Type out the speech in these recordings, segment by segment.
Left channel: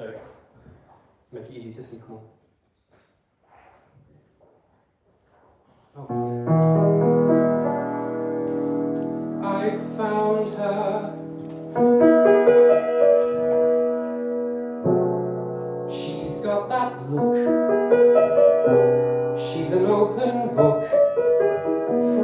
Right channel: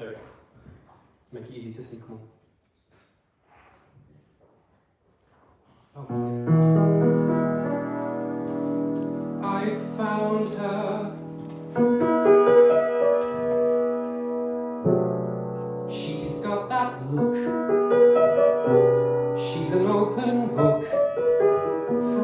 There we go. Make it easy to see, come on. Oh. I found her. She's got that look. She's an open book.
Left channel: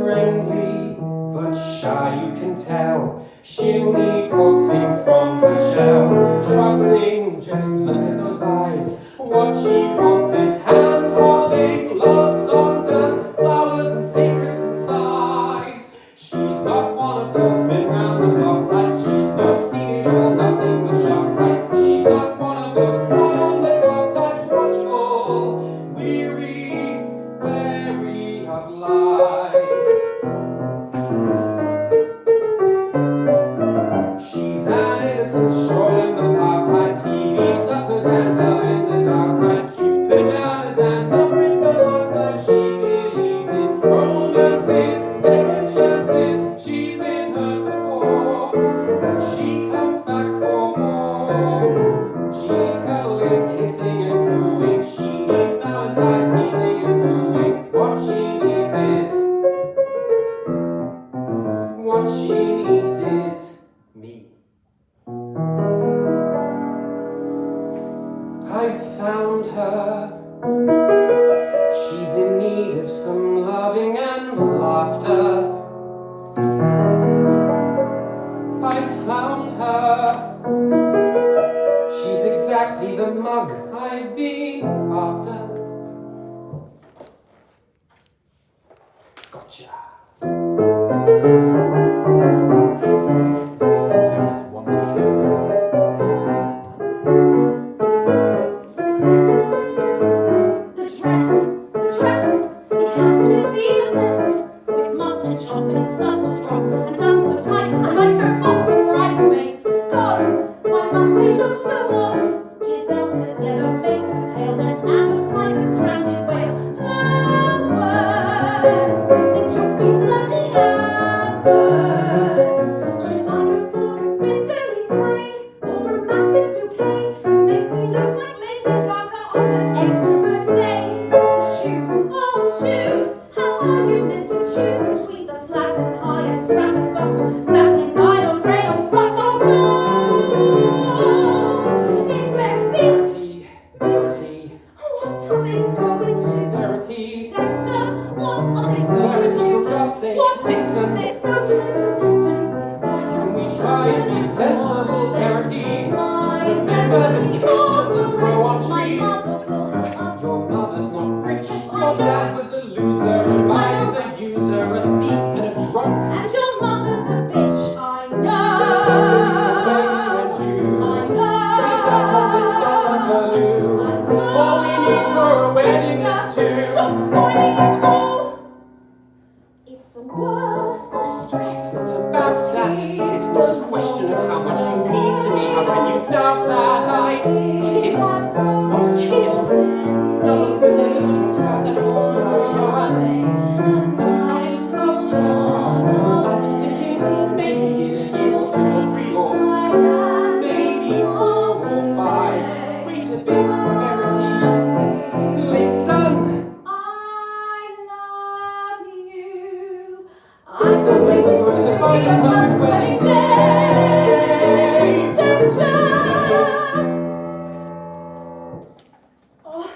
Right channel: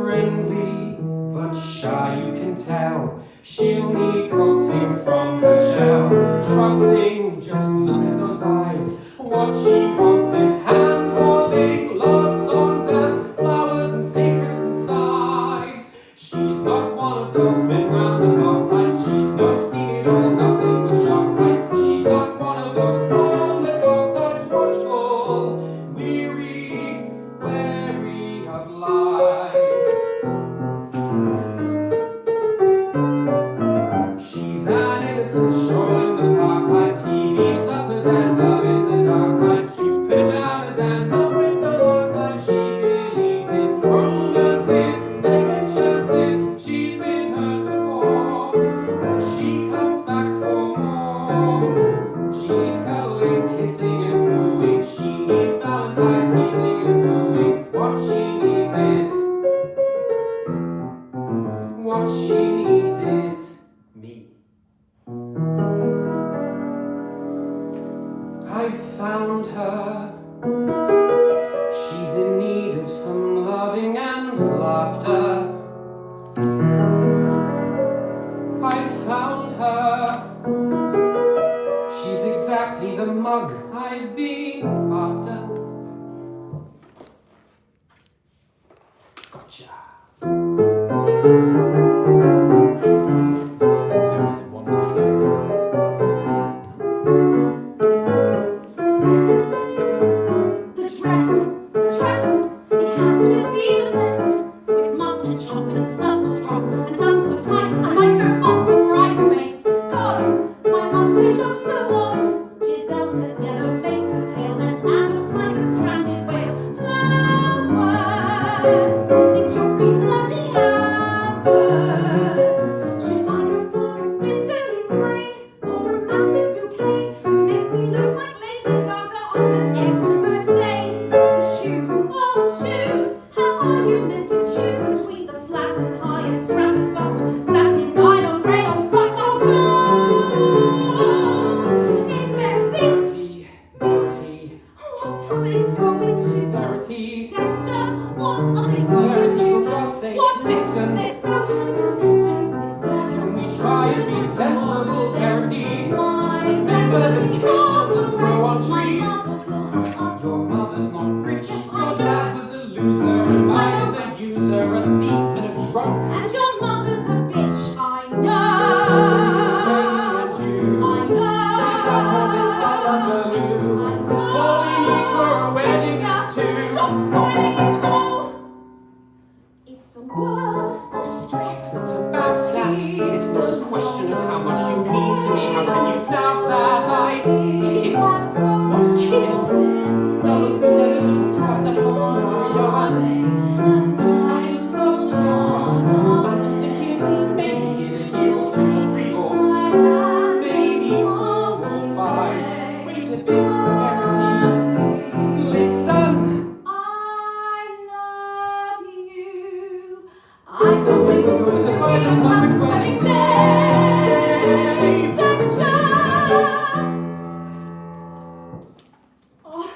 Friendly but shy, you can tell. She'll need coaxing from her shell. Trusting, just look at those eyes. What she wants is hand-holding, love songs and flowers and secrets and sighs. She's got one of those been round the block types. She's no seen it all, nothing but shock type. She's got one of those on the clock types, watchful, weary, wary of lies. She's an innocent stroll in the park type, TV suppers and love in the dark type, cute pajamas and up with the love type. She believes in romances, second chances. She's been hurt before, but she comes back for more. She needs cuddling, kissing and cooing. She needs Valentine's teasing and wooing. What she needs is me. I found her. She's in need of some loving and laughter. I found her. She's exactly the mug I've been after. Gotcha. The dress, it has to be the best. With mustard chop and a subtle drop, and done so tight I might go up with bridesmaids. God, why must they look so odd? Giselle says yellow makes her pale, and Anne looks like a stranded whale. Flowers, it took me bloody hours. Should I go for a spindly spray, or a massive bouquet? It makes me look like Lady Gaga on an extrovert day. The shoes, oh shoes, how are you meant to choose between the flat and high and strap and buckle, satin, nylon, rayon, fuck or go? In bare feet, Verity, what are they going to? Verity, Dexter, what are they going Verity, to? for God's sake, What? listen. There's no time to listen. Can we try and be sensible, Verity? Just remember the kiss doesn't grow on trees. Your mother's not rich, your dad was a loser, and mine is a user, a thief and a drunk. And your mother's a bitch, I know. Without all this hullabaloo, all we need for a wedding is two. Stop spoiling it all. It's worth the stress. It's not about that, it's not a question of how much you mean to me. How can you doubt that? Kids, what kids? No, look, we never talked about sex, Moria, and I was thinking maybe in a year or two or three or maybe 4 or 5. Wait a bit, Verity. Listen. I love you. I'm still waiting for it to buy the perfect wedding day. Dexter! Oh,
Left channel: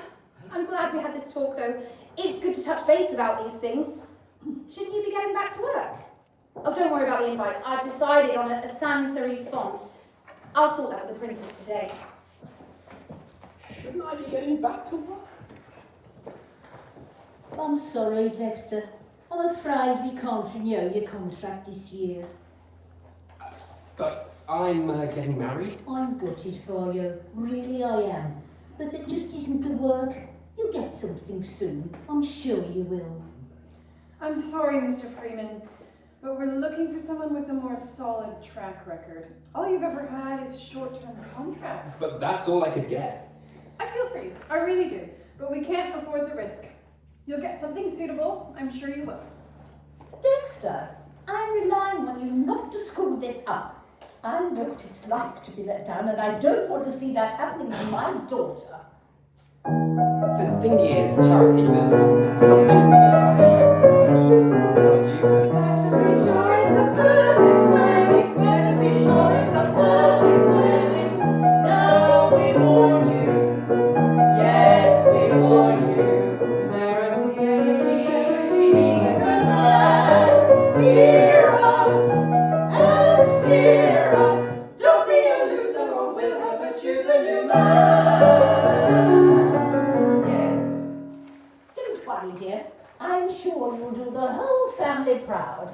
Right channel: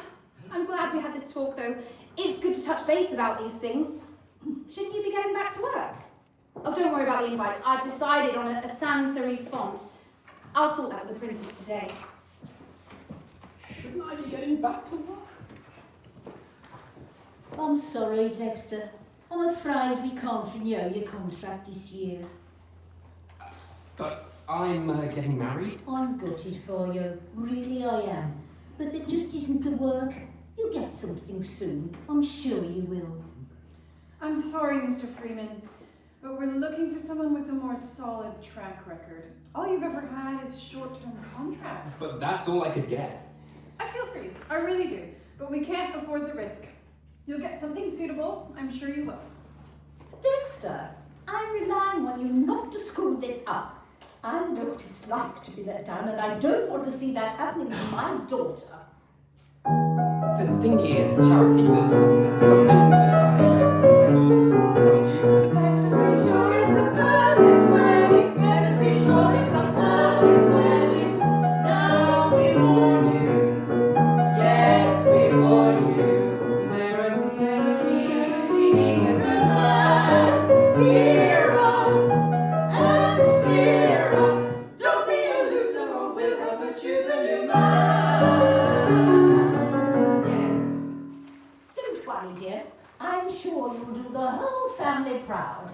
I'm glad we had this talk though. It's good to touch base about these things. Shouldn't you be getting back to work? Oh, don't worry about the invites. I've decided on a sans serif font. I'll sort that with the printers today. Shouldn't I be getting back to work? I'm sorry, Dexter. I'm afraid we can't renew your contract this year. But I'm getting married. I'm gutted for you. Really, I am. But it just isn't the work. You'll get something soon. I'm sure you will. I'm sorry, Mr. Freeman, but we're looking for someone with a more solid track record. All you've ever had is short-term contracts. But that's all I could get. I feel for you, I really do, but we can't afford the risk. You'll get something suitable, I'm sure you will. Dexter, I'm relying on you not to screw this up. I know what it's like to be let down, and I don't want to see that happening to my daughter. The thing is, Charity, there's something that I need to tell you. Better be sure it's a perfect wedding. Better be sure it's a perfect wedding. Now we warn you. Yes, we warn you. Verity needs a man. Hear us and fear us. Don't be a loser or we'll have to choose a new man. Don't worry, dear. I'm sure you'll do the whole family proud.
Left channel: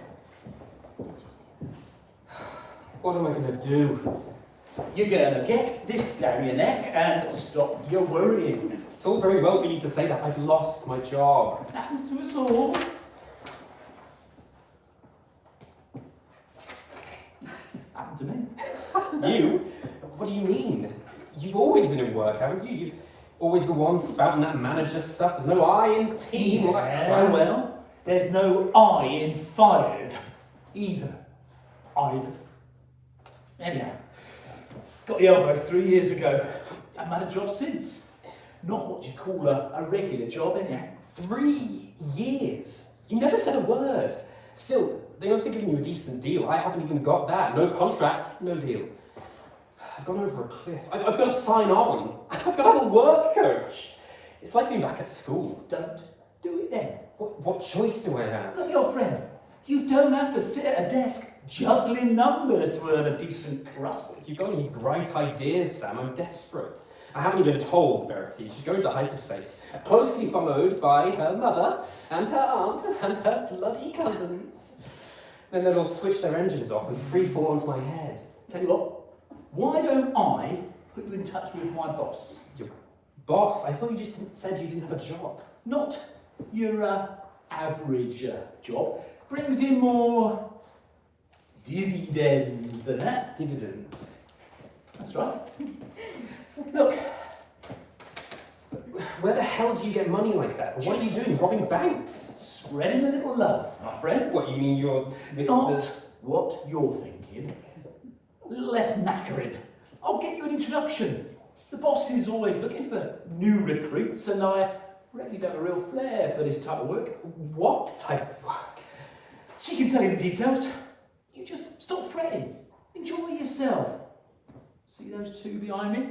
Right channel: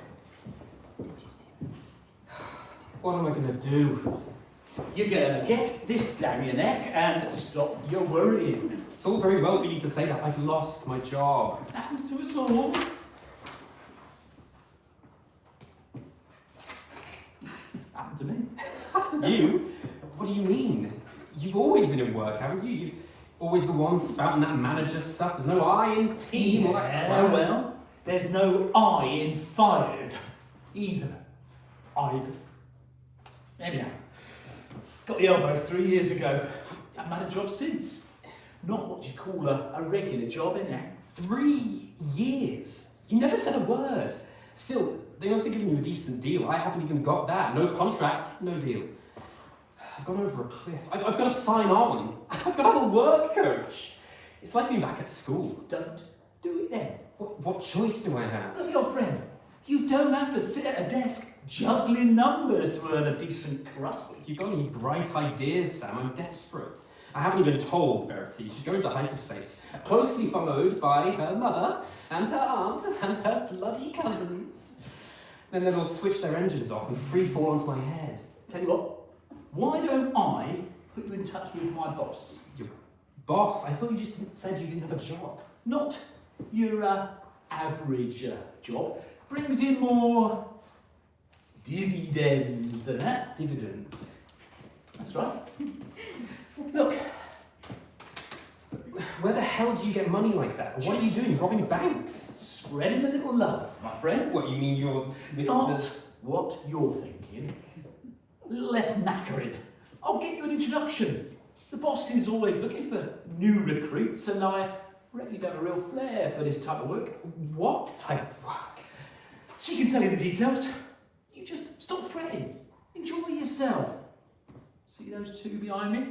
What am I going to do? You're gonna get this down your neck and stop your worrying. It's all very well for you to say that. I've lost my job. Happens to us all. Happened to me. You? What do you mean? You've always been in work, haven't you? You're always the one spouting that manager stuff. There's no I in team. All that Yeah, crap. well, there's no I in fired. Either. Anyhow, got the elbow 3 years ago. Haven't had a job since. Not what you'd call a regular job, anyhow. 3 years? You never said a word. Still, they must have given you a decent deal. I haven't even got that. No contract, no deal. I've gone over a cliff. I've got to sign on. I've got to have a work coach. It's like being back at school. Don't do it then. What choice do I have? Look, your friend, you don't have to sit at a desk juggling numbers to earn a decent crust. If you've got any bright ideas, Sam, I'm desperate. I haven't even told Verity. She's going to hyperspace, closely followed by her mother and her aunt and her bloody cousins. Then they'll all switch their engines off and free fall onto my head. Tell you what, why don't I put you in touch with my boss? Your boss? I thought you just said you didn't have a job. Not your average job. Brings in more dividends than that. Dividends. That's right. Look, Where the hell do you get money like that? What are you doing? Robbing banks? spreading a little love, my friend. What, you mean you're... Not what you're thinking. A little less knackering. I'll get you an introduction. The boss is always looking for new recruits, and I reckon you've got a real flair for this type of work. What type of work? She can tell you the details. You just stop fretting. Enjoy yourself. See those two behind me?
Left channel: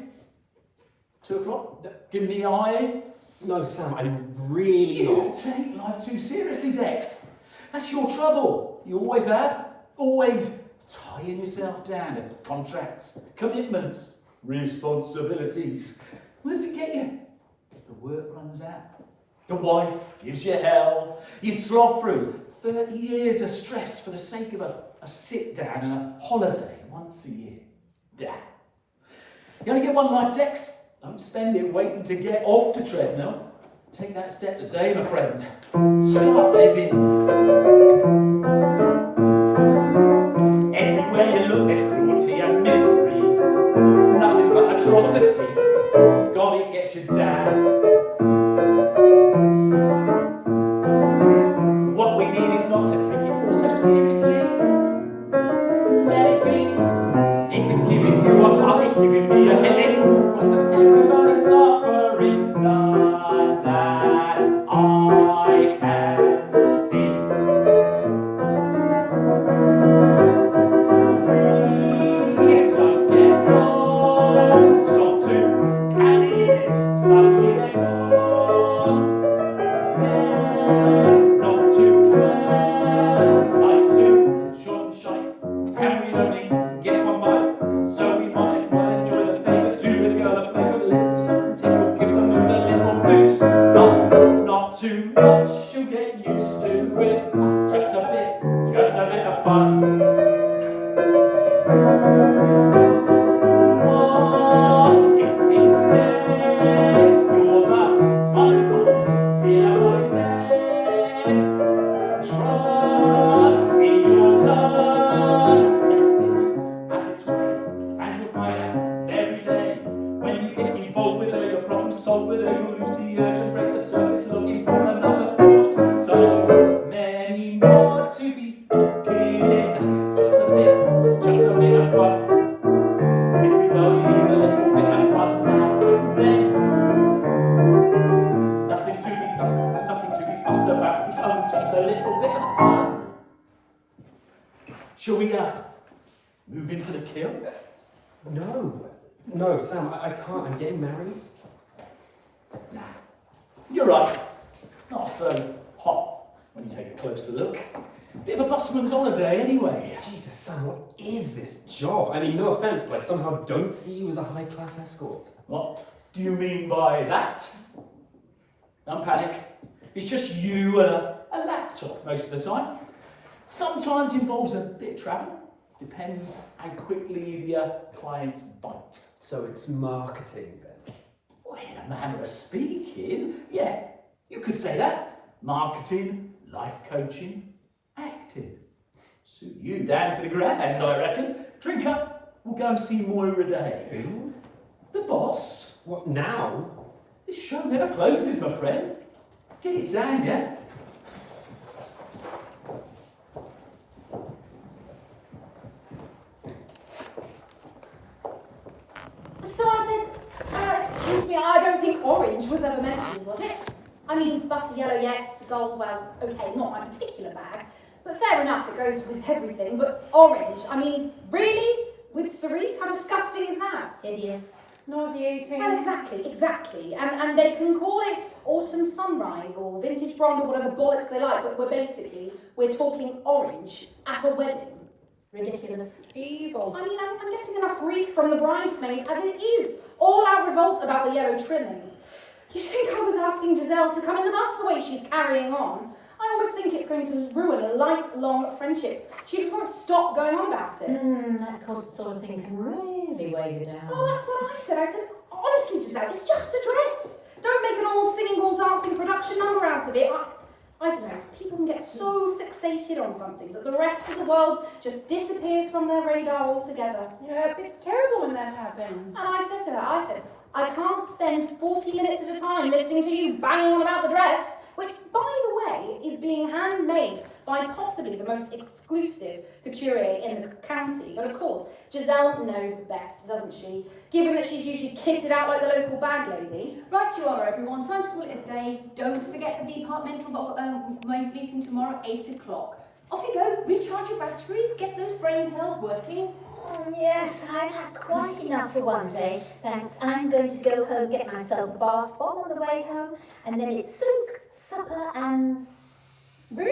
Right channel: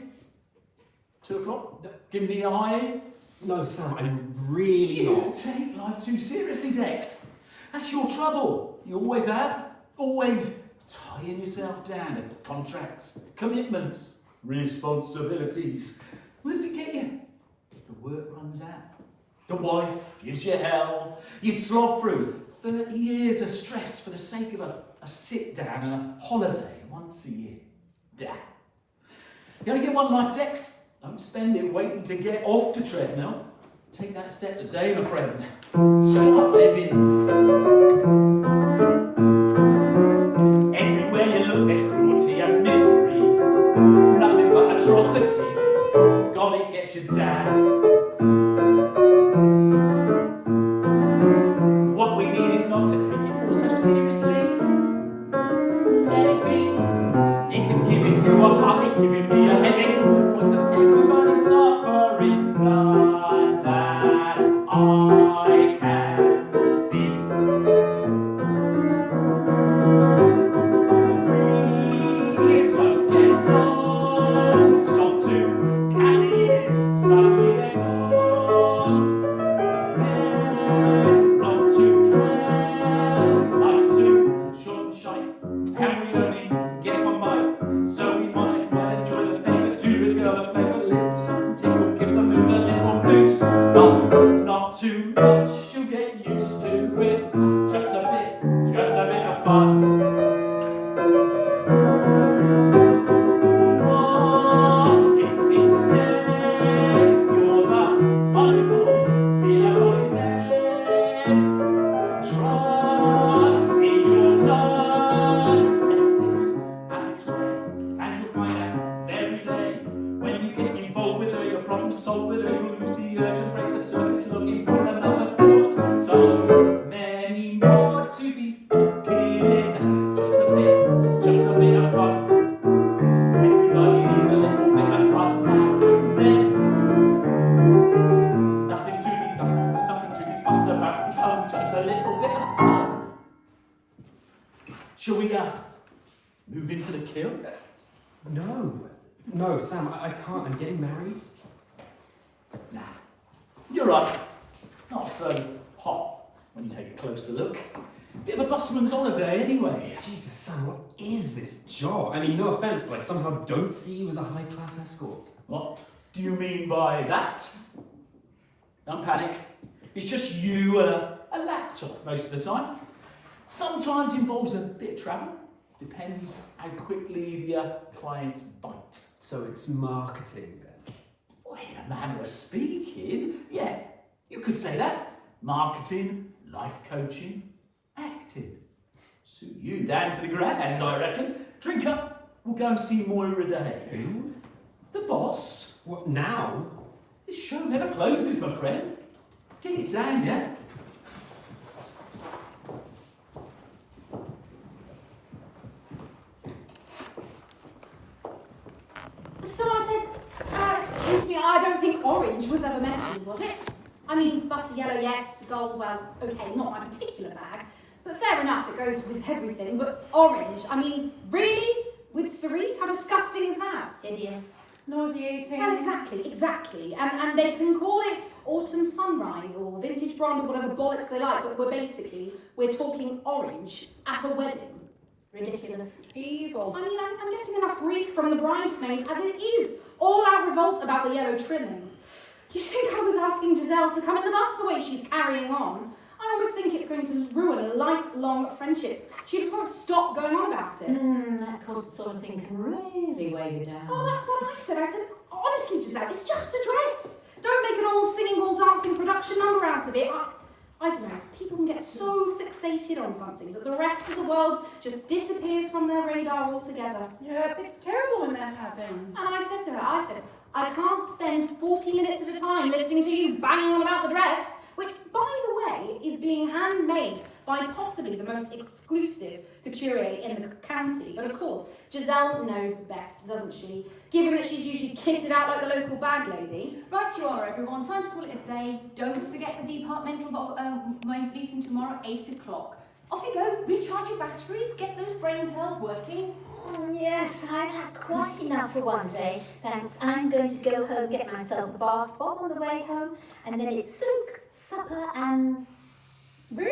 2 o'clock? Give me the eye. No, Sam, I'm really You not. take life too seriously, Dex. That's your trouble. You always have. Always tying yourself down to contracts, commitments, responsibilities. Where does it get you? The work runs out. The wife gives you hell. You slob through 30 years of stress for the sake of a sit down and a holiday once a year. Damn. You only get one life, Dex. Don't spend it waiting to get off the treadmill. Take that step today, my friend. Start living. Everywhere you look, there's cruelty and misery. Nothing but atrocity. God, it gets you down. What we need is not to take it all so seriously. Let it be. If it's giving you a heartache, giving me a headache. When everybody's suffering, none that I can see. We don't get home. Stop to carry this. Suddenly they're gone. There's not to dwell. Life's too short and shite. And we only get one bite. So we might as well enjoy the favour. Do the girl a favour. Let something tickle. Give the mood a little boost. Not too much. She'll get used to it. Just a bit of fun. What if instead you're the unfolds in a boy's head? Trust in your lust, let it out its way, and you'll find out every day. When you get involved with her, your problem solved with her, you'll lose the urge and break the surface looking for another port. So many more to be given. Just a bit of fun. No, Sam, I can't. I'm getting married. Nah, you're right. Not so hot when you take a closer look. Bit of a busman's holiday anyway. Jesus, Sam, what is this job? I mean, no offence, but I somehow don't see you as a high-class escort. What do you mean by that? Don't panic. It's just you and a laptop most of the time. Sometimes involves a bit of travel. Depends how quickly the clients bite. So it's marketing, then? Well, in a manner of speaking, yeah, you could say that. Marketing, life coaching, acting. Suit you down to the ground, I reckon. Drink up, we'll go and see Moria Day. Who? The boss. What, now? This show never closes, my friend. Get it down, yeah? So I said, excuse me, I don't think orange was ever mentioned, was it? I mean, butter yellow, yes, gold, well, okay, not my particular bag. But fair enough, it goes with everything. But orange, I mean, really? With cerise? How disgusting is that? Hideous. Nauseating. Well, exactly. And they can call it autumn sunrise or vintage blonde or whatever bollocks they like, but we're talking orange at a wedding. Ridiculous. Evil. I mean, I'm getting enough grief from the bridesmaids as it is. All out revolt about the yellow trimmings. You think I was asking Giselle to come in the bath the way she's carrying on? I almost think it's going to ruin a lifelong friendship. She just won't stop going on about it. That sort of thing can really weigh you down. Oh, that's what I said. I said, honestly, Giselle, it's just a dress. Don't make an all singing, all dancing production number out of it. I don't know, people can get so fixated on something that the rest of the world just disappears from their radar altogether. Yep, it's terrible when that happens. And I said to her, I can't spend 40 minutes at a time listening to you banging on about the dress, which, by the way, is being handmade by possibly the most exclusive couturier in the county. But of course, Giselle knows best, doesn't she? Given that she's usually kitted out like the local bag lady. Right you are, everyone. Time to call it a day. Don't forget the departmental meeting tomorrow at 8 o'clock. Off you go. Recharge your batteries. Get those brain cells working. Yes, I've had quite enough for one day. Thanks. I'm going to go home, get myself a bath bomb on the way home, and then it's soak, supper, and sofa.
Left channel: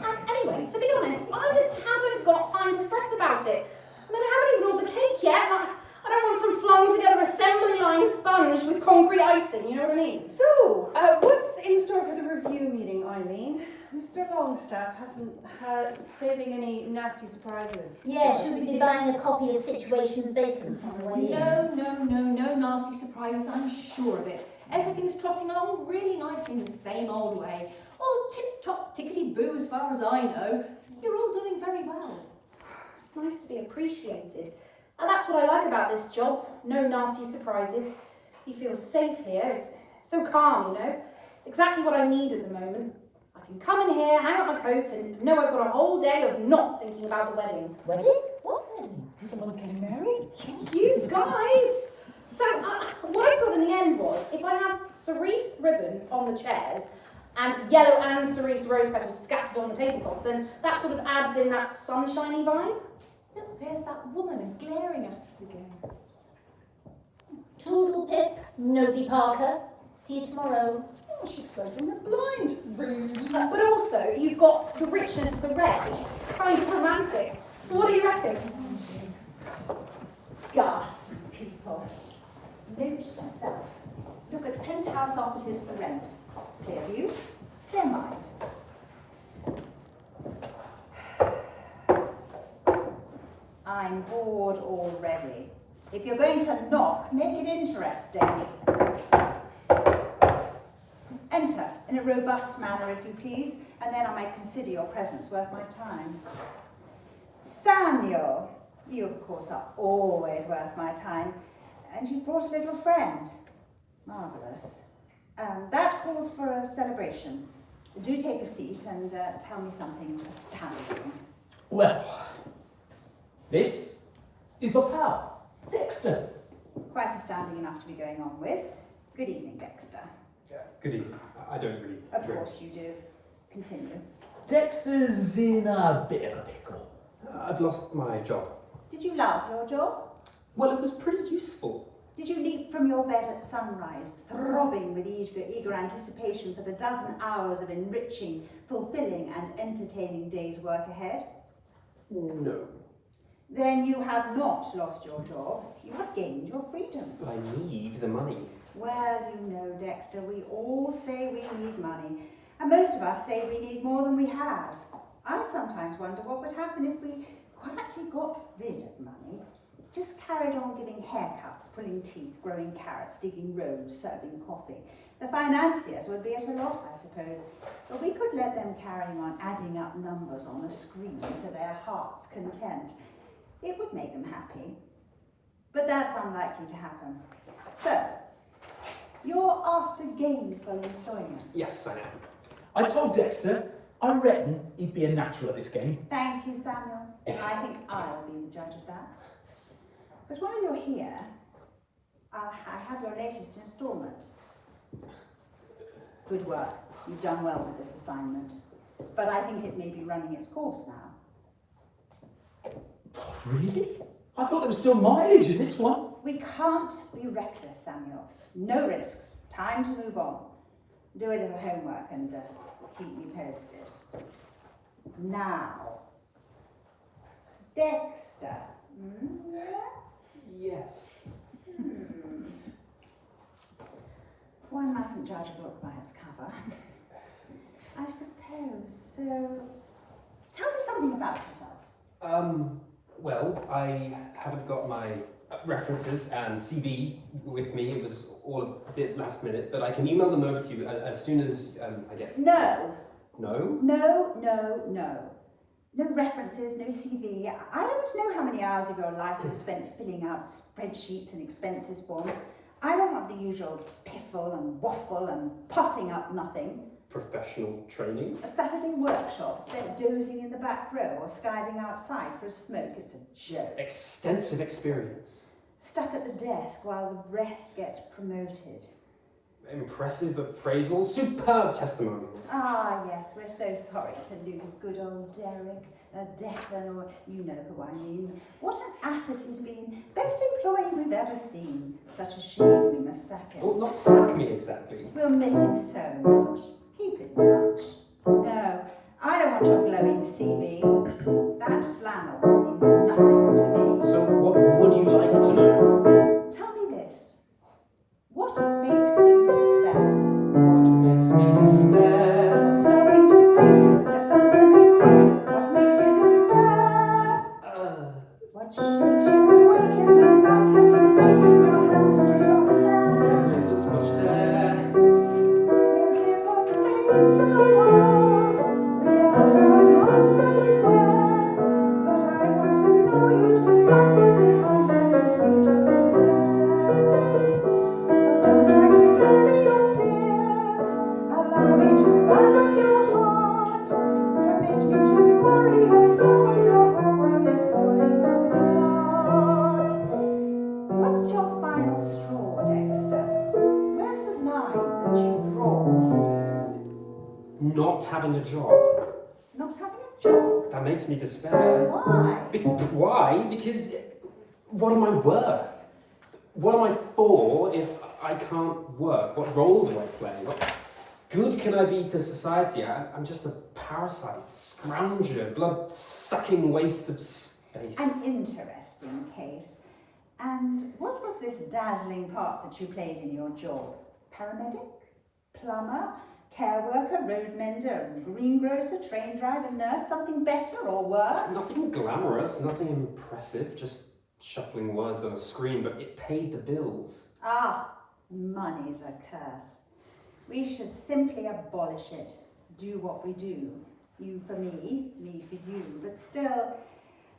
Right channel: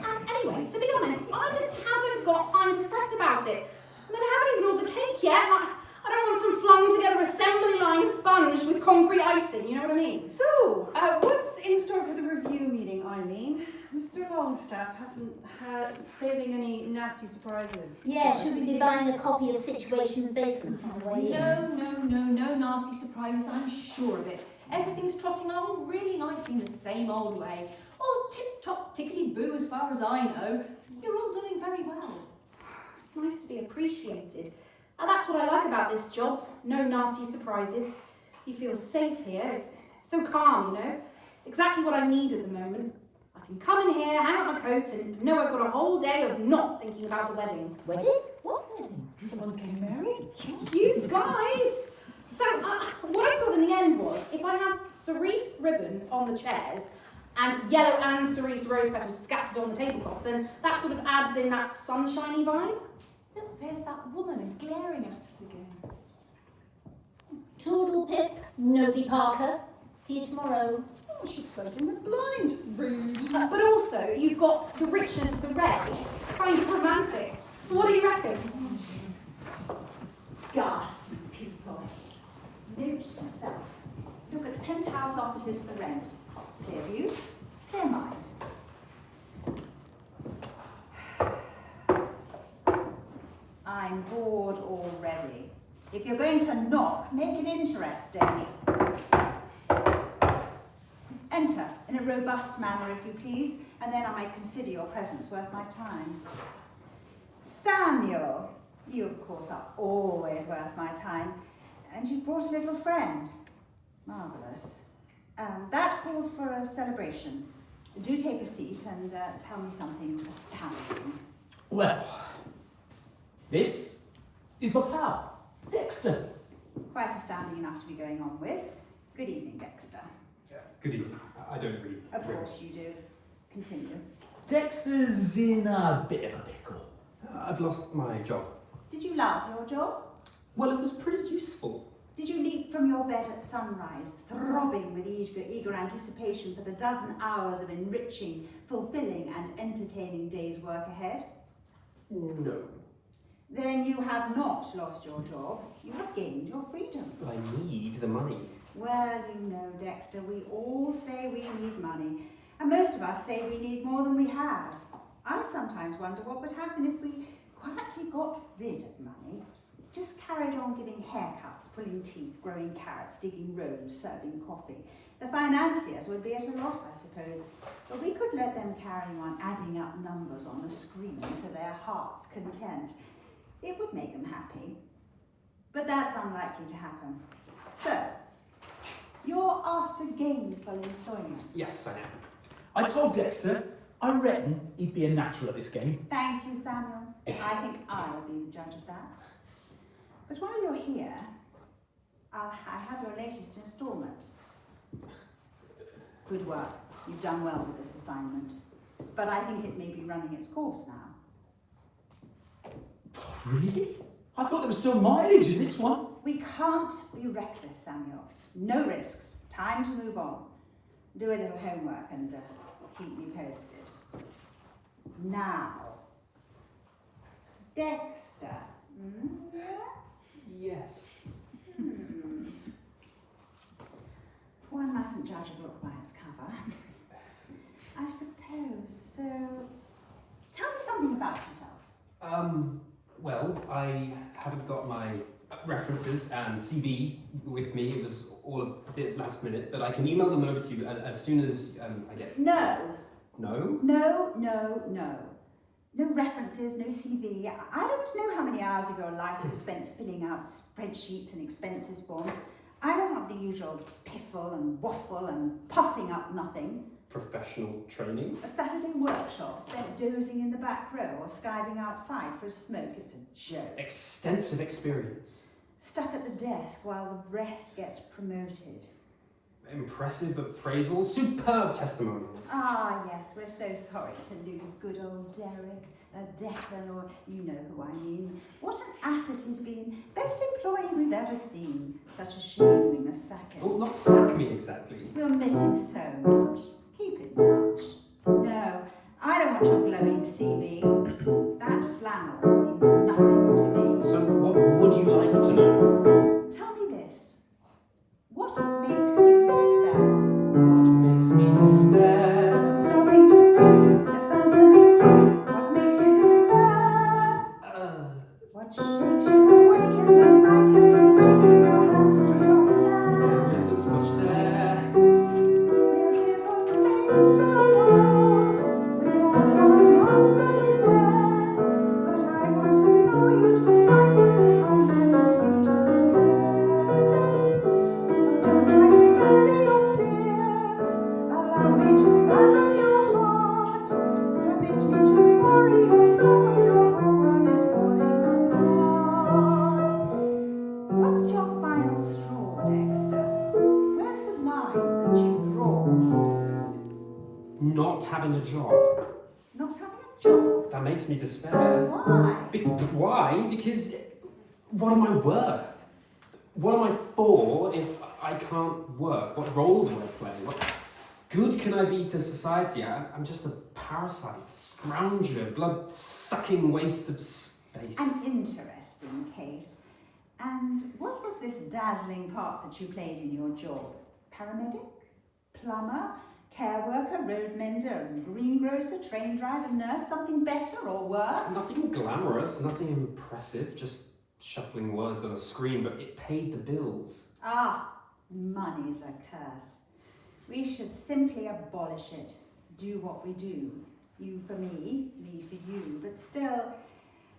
Anyway, to be honest, I just haven't got time to fret about it. I mean, I haven't even ordered the cake yet. I don't want some flung together assembly line sponge with concrete icing, you know what I mean? So, what's in store for the review meeting, Eileen? Mr. Longstaff hasn't had saving any nasty surprises. Yeah, should we be buying a copy of Situations Vacant on the way in? No nasty surprises, I'm sure of it. Everything's trotting along really nicely in the same old way. All tip-top, tickety-boo as far as I know. You're all doing very well. It's nice to be appreciated. And that's what I like about this job. No nasty surprises. You feel safe here. It's so calm, you know. Exactly what I need at the moment. I can come in here, hang up my coat, and know I've got a whole day of not thinking about the wedding. Wedding? What wedding? Someone's getting married? You guys! So, what I thought in the end was, if I have cerise ribbons on the chairs, and yellow and cerise rose petals scattered on the tablecloths, then that sort of adds in that sunshiny vibe. Look, there's that woman glaring at us again. Toodle pip, nosy Parker. See you tomorrow. Oh, she's closing the blind. Rude. But also, you've got the richness of the red, which is kind of romantic. What do you reckon? Ghastly people. Note to self. Look at penthouse offices for rent. Clear view, clear mind. I'm bored already. If you're going to knock, make it interesting. Enter in a robust manner, if you please, and then I might consider your presence worth my time. Samuel, you of course are always worth my time, and you've brought a little friend. Marvellous. That calls for a celebration. Do take a seat and tell me something astounding. Well, this is my pal, Dexter. Quite astounding enough to be going on with. Good evening, Dexter. Good evening. I don't really Of drink. course you do. Continue. Dexter's in a bit of a pickle. I've lost my job. Did Did you love your job? Well, it was pretty useful. Did you leap from your bed at sunrise, throbbing with eager anticipation for the dozen hours of enriching, fulfilling and entertaining day's work ahead? No. Then you have not lost your job. You have gained your freedom. But I need the money. Well, you know, Dexter, we all say we need money, and most of us say we need more than we have. I sometimes wonder what would happen if we quietly got rid of money, just carried on giving haircuts, pulling teeth, growing carrots, digging roads, serving coffee. The financiers would be at a loss, I suppose, but we could let them carry on adding up numbers on a screen to their heart's content. It would make them happy, but that's unlikely to happen. So, you're after gainful employment. Yes, I am. I told Dexter I reckon he'd be a natural at this game. Thank you, Samuel. I think I'll be the judge of that. But while you're here, I have your latest instalment. Good work. You've done well with this assignment. But I think it may be running its course now. Really? I thought there was still mileage in this one. We can't be reckless, Samuel. No risks. Time to move on. Do a little homework and keep me posted. Now, Dexter. Yes? Yes. One mustn't judge a book by its cover. I suppose. So, tell me something about yourself. Well, I haven't got my references and CV with me. It was all a bit last minute, but I can email them over to you as soon as I get it. No. No? No. No references, no CV. I don't know how many hours of your life you've spent filling out spreadsheets and expenses forms. I don't want the usual piffle and waffle and puffing up nothing. Professional training? A Saturday workshop spent dozing in the back row or skiving outside for a smoke. It's a joke. Extensive experience. Stuck at the desk while the rest get promoted. Impressive appraisals, superb testimonials. Ah, yes, we're so sorry to lose good old Derek, Declan, or you know who I mean. What an asset he's been. Best employee we've ever seen. Such a shame we must sack him. Oh, not sack me exactly. We'll miss him so much. Keep in touch. No, I don't want your glowing CV. That flannel means nothing to me. So what would you like to know? Tell me this. What makes you despair? What makes me despair? Stopping to think, just answer me quick. What makes you despair? What shakes you awake in the night as you wake your hands to your hair? There isn't much there. We give our face to the world. We all have a mask that we wear. But I want to know you to find what's behind that inscrutable stare. So don't try to bury your fears. Allow me to fathom your heart. Permit me to worry your soul when your whole world is falling apart. What's your final straw, Dexter? Where's the line that you draw? Not having a job. Not having a job? That makes me despair. Why? Why? Because what am I worth? What am I for if I can't work? What role do I play? What good can I be to society? I'm just a parasite, scrounger, blood-sucking waste of space. An interesting case. And what was this dazzling part that you played in your job? Paramedic? Plumber? Care worker? Road mender? Greengrocer? Train driver? Nurse? Something better or worse? Nothing glamorous, nothing impressive, just shuffling words on a screen, but it paid the bills. Ah, money's a curse. We should simply abolish it. Do what we do. You for me, me for you. But still,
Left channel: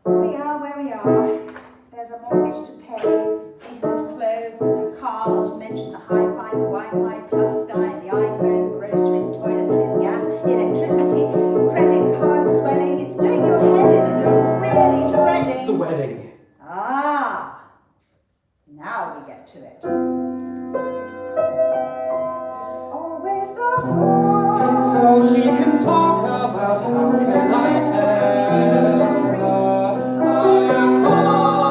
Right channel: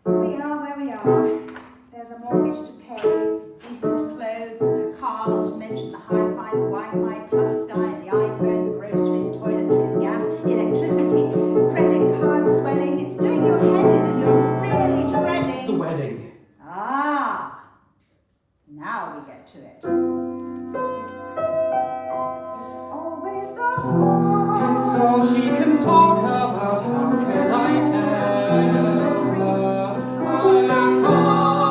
we are where we are. There's a mortgage to pay, decent clothes and a car, not to mention the hi-fi, the Wi-Fi, plus Sky, the iPhone, the groceries, toiletries, gas, electricity, credit cards swelling. It's doing your head in and you're really dreading... The wedding. Ah, now we get to it. It's always the heart. It's all she can talk about, how can I tell her? I can't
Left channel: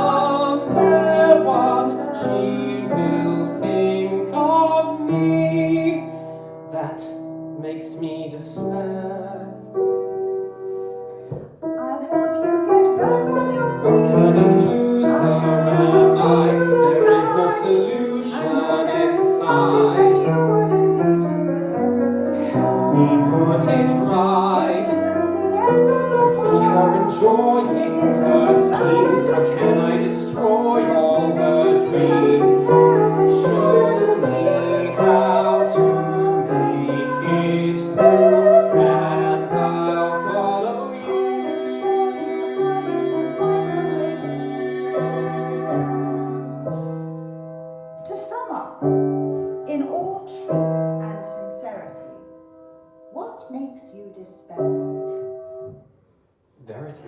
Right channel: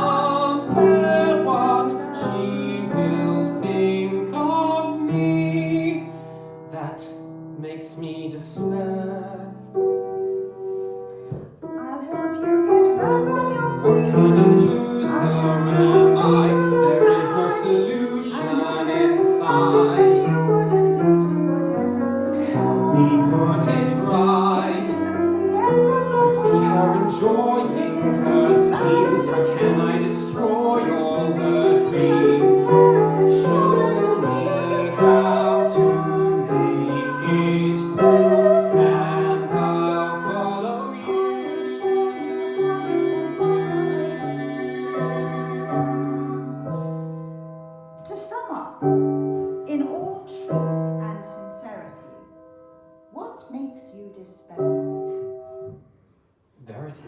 To sum up, in all truth and sincerity, what makes you despair? Verity.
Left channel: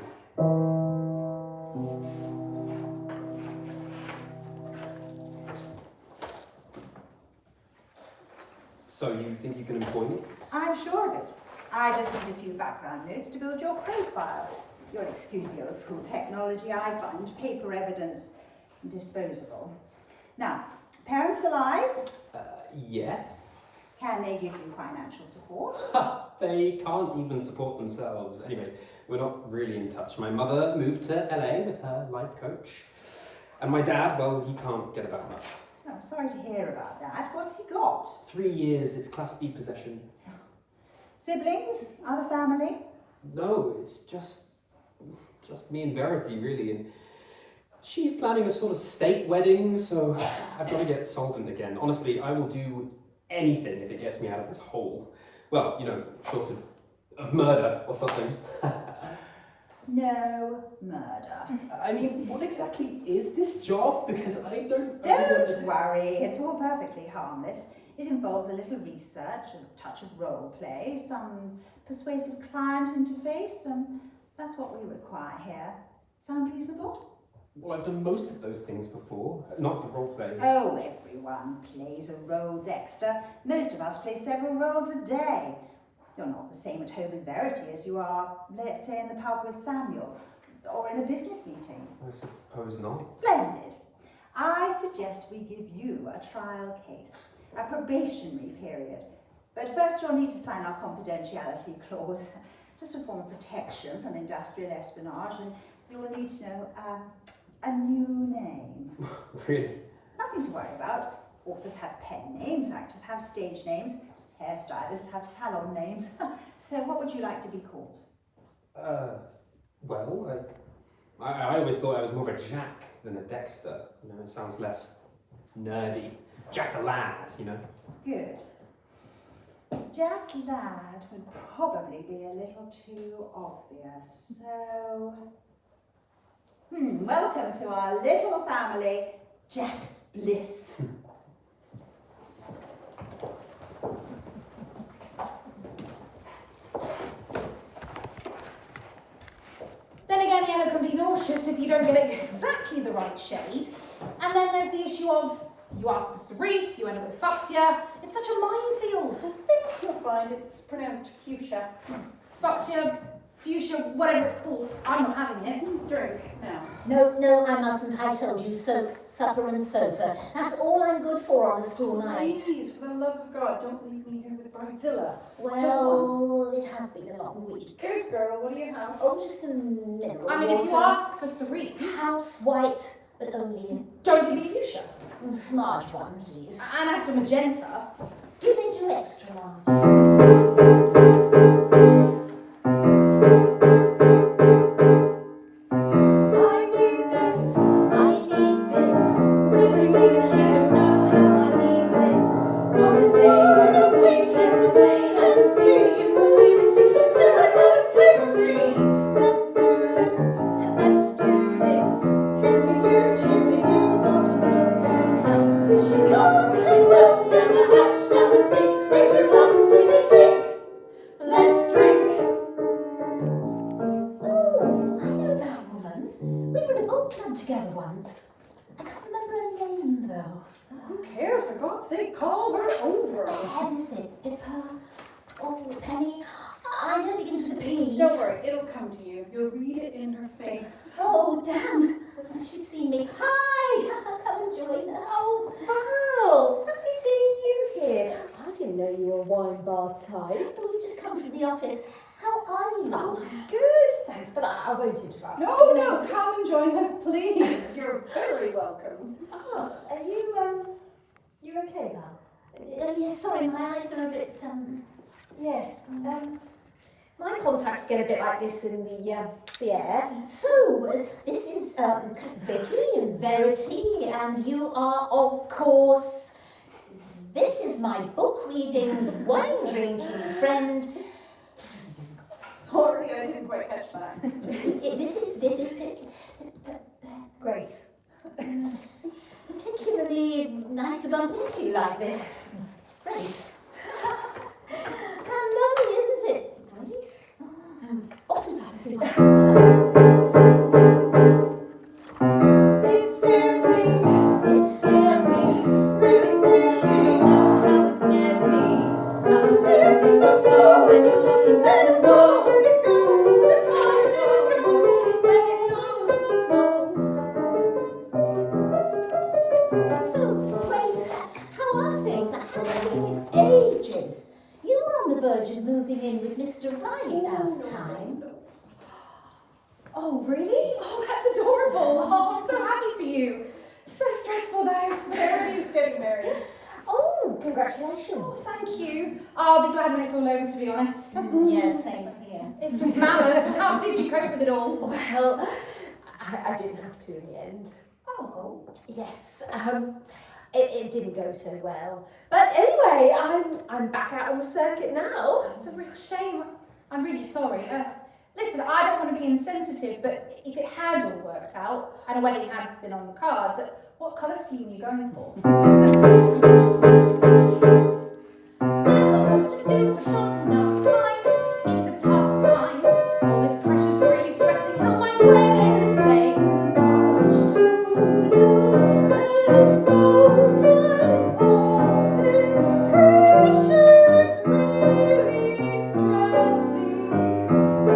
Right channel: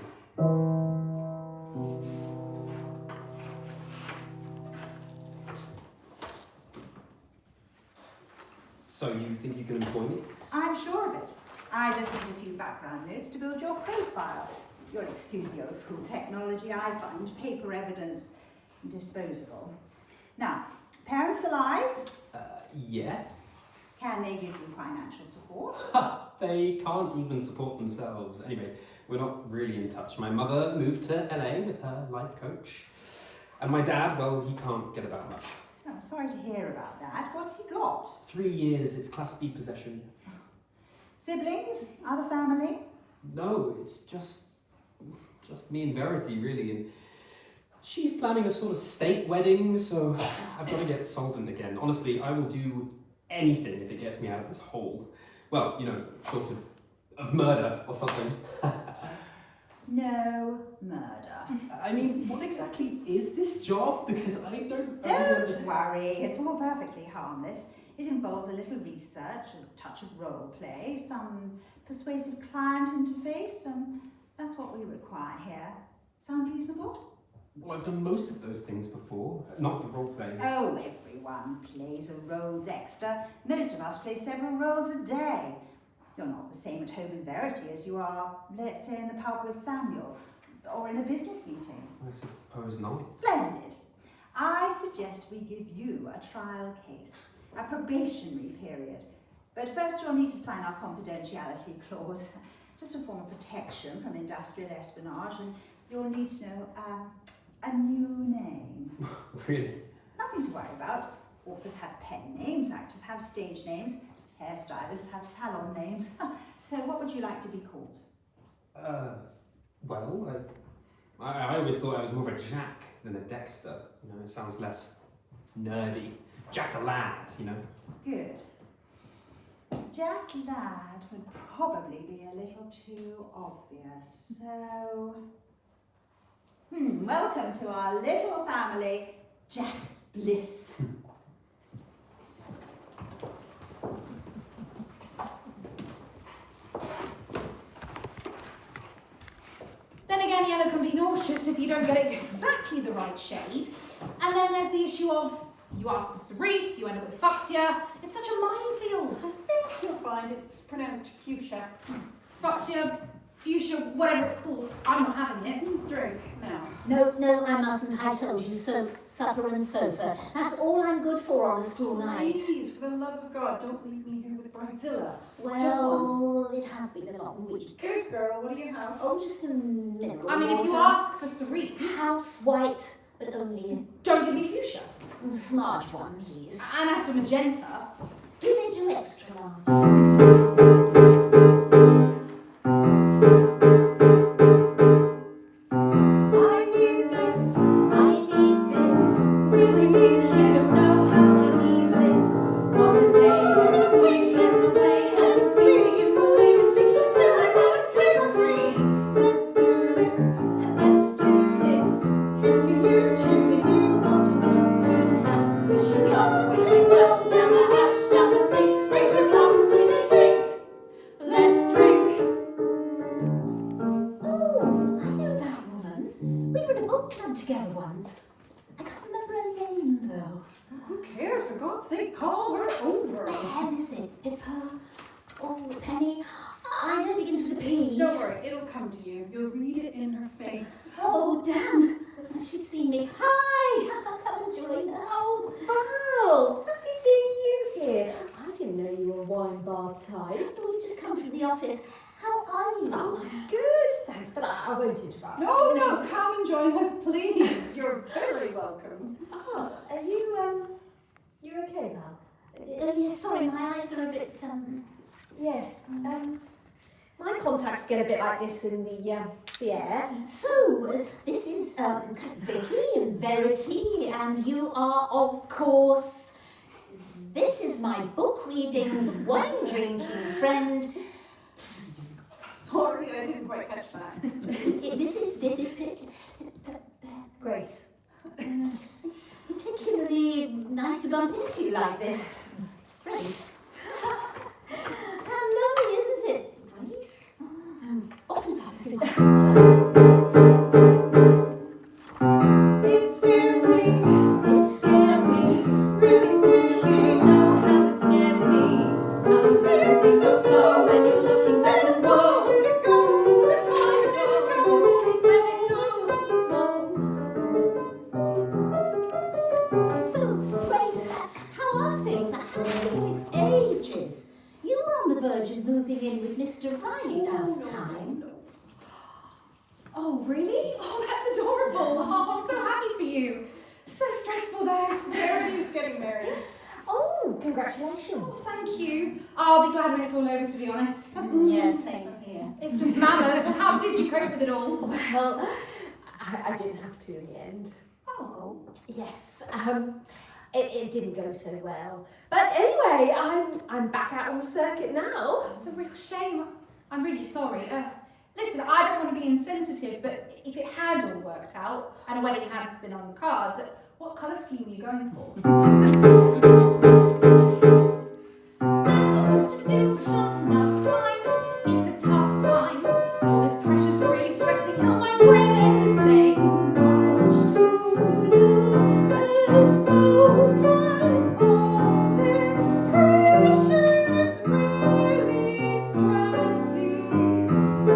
So you think you can employ me? I'm sure of it. I just need a few background notes to build your profile. You'll excuse the old school technology. I find paper evidence disposable. Now, parents alive? Yes. Can they give you financial support? Ha! They can't even support themselves. Anyway, we're not really in touch. My mother moved to LA with her life coach. And my dad, well, he can't get about much. Oh, sorry to hear about that. What's he got? 3 years, it's Class B possession. Siblings? Other family? No, it's just me and Verity, really. And she's planning a sort of state wedding, so I've got to get solvent again. Honestly, I will do anything if it gets me out of this hole. Well, you know, short of murder or something. No murder. I mean, what exactly is this job? Because I don't... Don't worry, it's all perfectly harmless. It involves a little research, a touch of role play, some persuasive client interface, and that's what we require here. Sound reasonable? Well, I've done most of those things before, not the role play. Oh, everyone plays a role, Dexter. Most of us play several roles a day. You're not the same at home with Verity as you are, let's say, in the pub with Samuel, or in a business meeting. I suppose not. Splendid. I suggest we give you a trial case, a probationary period. But first you'll need to sign our confidentiality clause, just a form of protection from industrial espionage, and you'll need to know a new name. Really? Nothing to worry about. Authors have pen names, actors have stage names, hairstylists have salon names. So what would you like to be called? Well, I always thought I was more of a Jack than a Dexter. You know, it sounds less nerdy. Jack the Lad, you know. Good. Jack Ladd would probably be a little too obvious, so... welcome to our little family, Jack Bliss. Then again, yellow can be nauseous if you don't get it exactly the right shade. And then there's the issue of, you ask for cerise, you end up with fuchsia. It's such a minefield. I think you'll find it's pronounced fuchsia. Fuchsia, fuchsia, whatever it's called, I'm not having it. Drink now. No, I mustn't. I told you, soak, supper and sofa. That's all I'm good for on a school night. Ladies, for the love of God, don't leave me here with Bridezilla. Well, it has been a long week. Good girl, what do you have? Oh, just a mineral I mean, if you water. ask for cerise, House white, but only don't give me fuchsia. a smart one, please. And as for magenta, Do they do extra large? I need this, really need you this. know how I need this. What a day, what a weekend to play. Haven't seen you believe until I've had a swig or three. Let's do this. Let's do this. Here's to you, cheers to you. Wanting some good health, wishing luck, wishing wealth, down the hatch, down the sink, raise your glasses, give me a drink. Let's drink. Oh, I know that woman. We were in a book club together once. I can't remember her name, though. Who cares? For God's sake, call her over. Pen, is it? Pippa? Oh, Penny? I know it begins with a P. Don't worry, it'll come to you. You'll read it in her face. Oh, damn. She's seen me. Hi! Come and join us. Oh, Val! Fancy seeing you here. I didn't know you were a wine bar type. Oh, we just come from the office. How are you? Oh, good. Thanks for that. I won't interrupt. No, come and join us, please. You're very welcome. Oh, are you okay, Val? Yes, sorry, my eyes are a bit, Yes. My contacts get a bit like this in the air. So, this is, Vicky and Verity, and you are, of course, this is my book-reading, wine-drinking friend. Sorry, I didn't quite catch that. This is Grace. particularly nice to bump into you like this. Grace. How lovely, isn't it? Grace? Bottoms up, It scares me. It scared me. Really scares me. You know how it scares me. How you make me so slow when you're looking back and go. Where'd it go? All the time, where did it go? So, Grace, how are things? I haven't seen you in ages. You were on the verge of moving in with Mr. Riley last time. Oh, really? Oh, that's adorable. Oh, I'm so happy for you. So stressful though. Verity's getting married. Oh, congratulations. Oh, thank you. I'll be glad when it's all over, to be honest. Yes, same here. It's just mammoth. How did you cope with it all? Well, I didn't have to in the end. Oh. Yes, it didn't go so well. But anyway, I'm back out on the circuit now. That's a real shame. I'm really sorry. Listen, I don't want to be insensitive, but if it had all worked out and a wedding had been on the cards, what colour scheme were you going for? There's so much to do, but not enough time. It's a tough time. All this pressure's really stressing out my brain. It's insane. Much to do. There's no time. All this pressure is really stressing.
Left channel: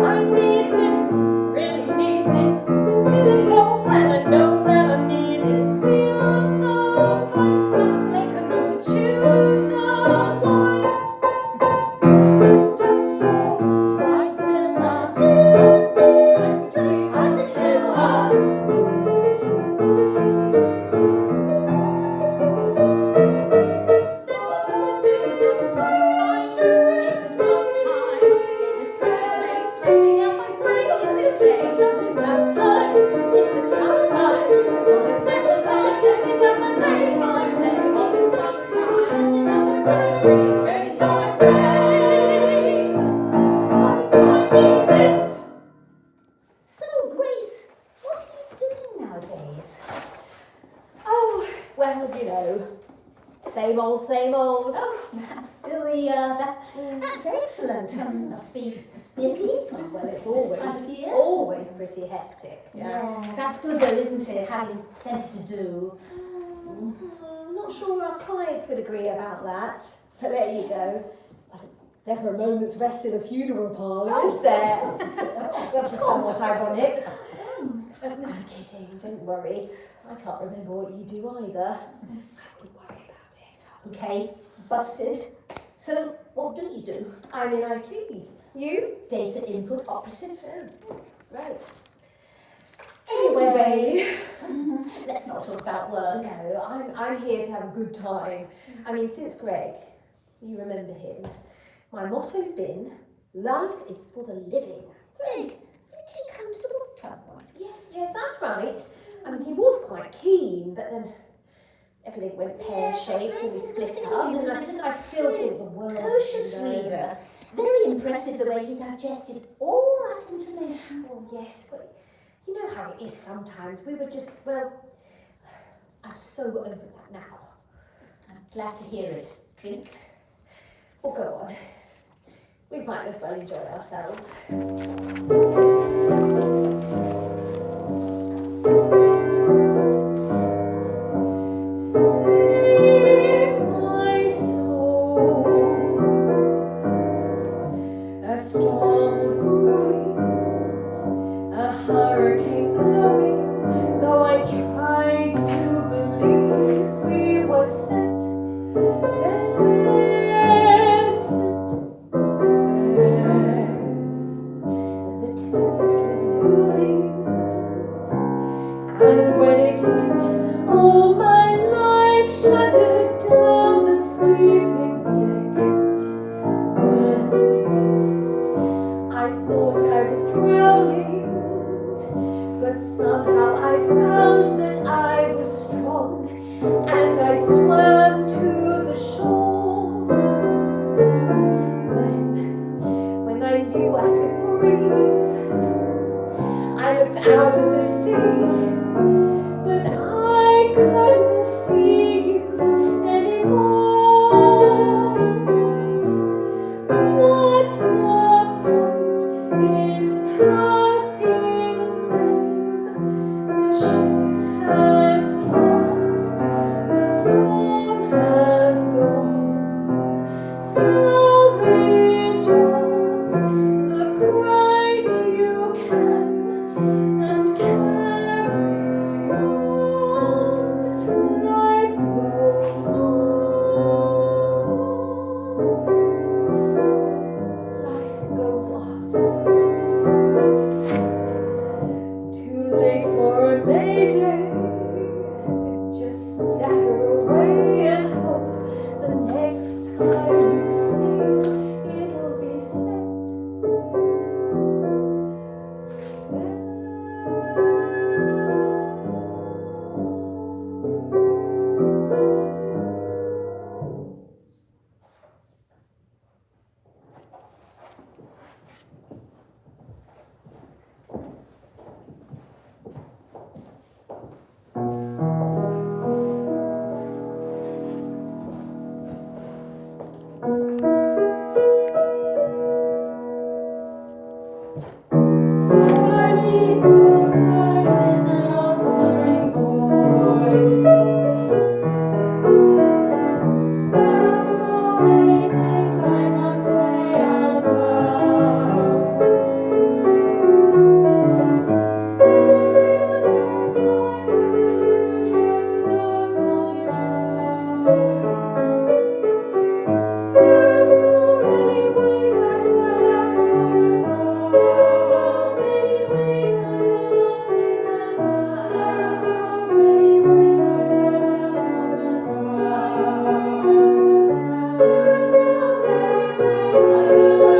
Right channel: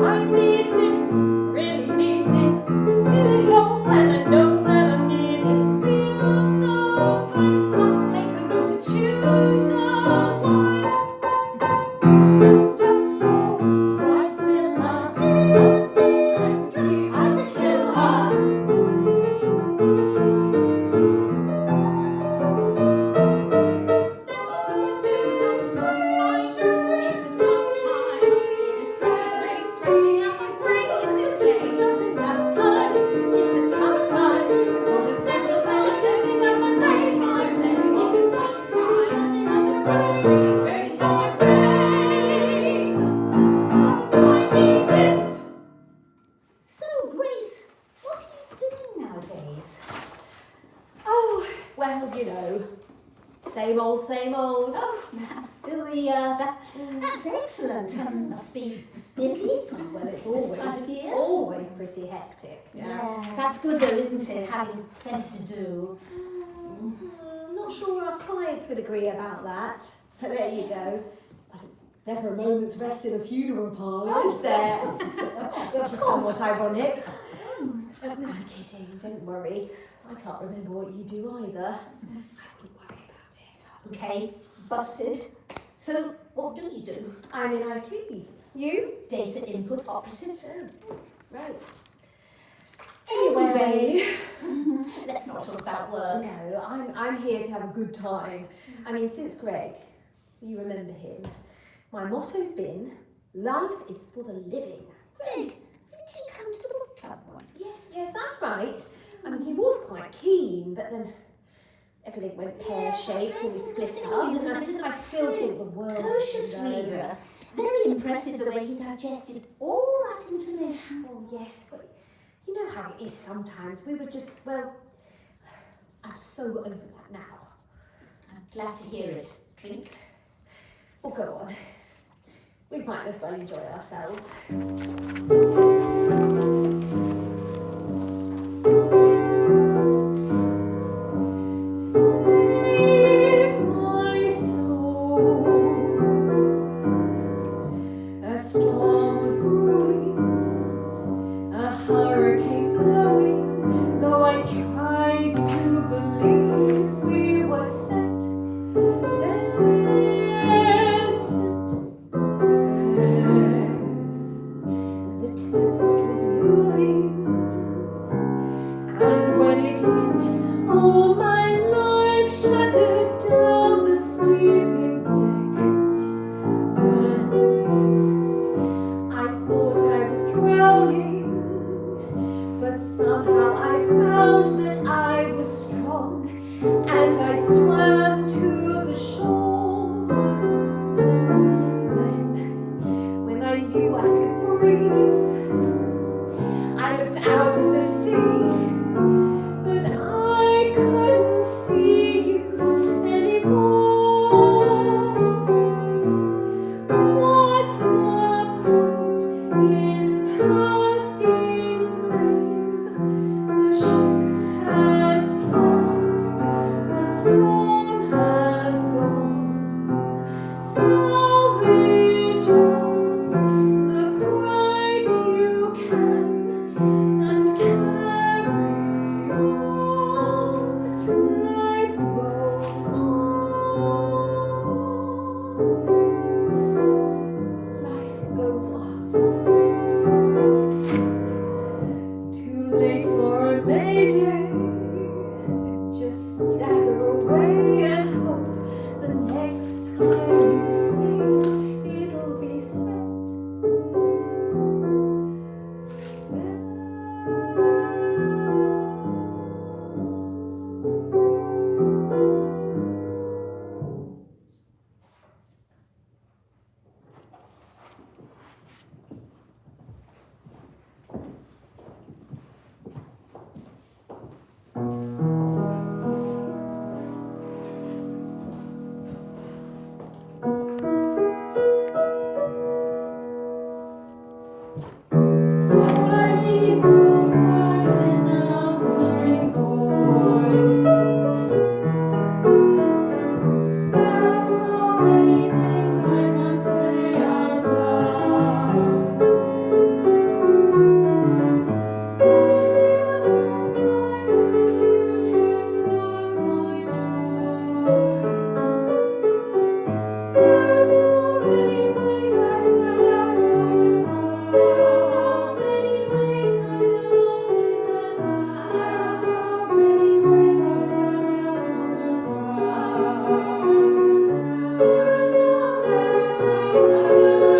I need this, really need this. Really know and I know that I need this. Feels so fun. Must make a note to choose the one. Just go. Flights in my heels, let's keep I could kill her. There's so much to do, this pressure, it's a tough time. This pressure's really stressing out my brain. It's insane. Not enough time, it's a tough time. All this pressure's really stressing out my brain. All this tough time, all this pressure's really stressing out my brain. I need this. So, Grace, what are you doing nowadays? Oh, well, you know, same old, same old. Oh, that's still that's excellent. Must be busy. Well, it's This time of year. always pretty hectic. Yeah, that's good though, isn't it? Having plenty to do. Not sure our clients would agree about that. But there you go. Never a moment's rest in a funeral parlour, is there? Which is somewhat ironic. I'm kidding, don't worry. I can't remember what you do either. I wouldn't worry about it. Okay, busted. So, what do you do? I'm in IT. You? Data input operative. Right. Anyway, let's not talk about work. No, I'm here to have a good time. I mean, since Greg, you remember him, my motto's been, life is for the living. Greg, didn't he come to the book club once? Yes, that's right. I mean, he was quite keen, but then everything went pear-shaped and we split up, and I still think the world Precocious reader. Very impressive the way he digested all that information. Oh, yes, but you know how it is sometimes. We were just, well, I'm so over that now. I'm glad to hear it. Drink. Well, go on. We might as well enjoy ourselves. Save my soul. A storm was brewing, a hurricane blowing. Though I tried to believe we were set, the tempest was moving, and when it did, all my life shattered down the steeping deck. I thought I was drowning, but somehow I found that I was strong, and I swam to the shore. When I knew I could breathe, I looked out at the sea, but I couldn't see you storm has gone. Salvage all the pride you can and carry on. Life goes on. Life goes on. Too late for a mayday. Just stagger away and hope the next time you say it'll be said. What I need sometimes is an answering voice. There are so many things I can't say out loud. I just feel sometimes that the future's not my choice. There are so many ways I stand out from the crowd. There are so many ways I feel lost in the crowd. There are so many ways I stand out from the crowd. There are so many ways I feel lost in the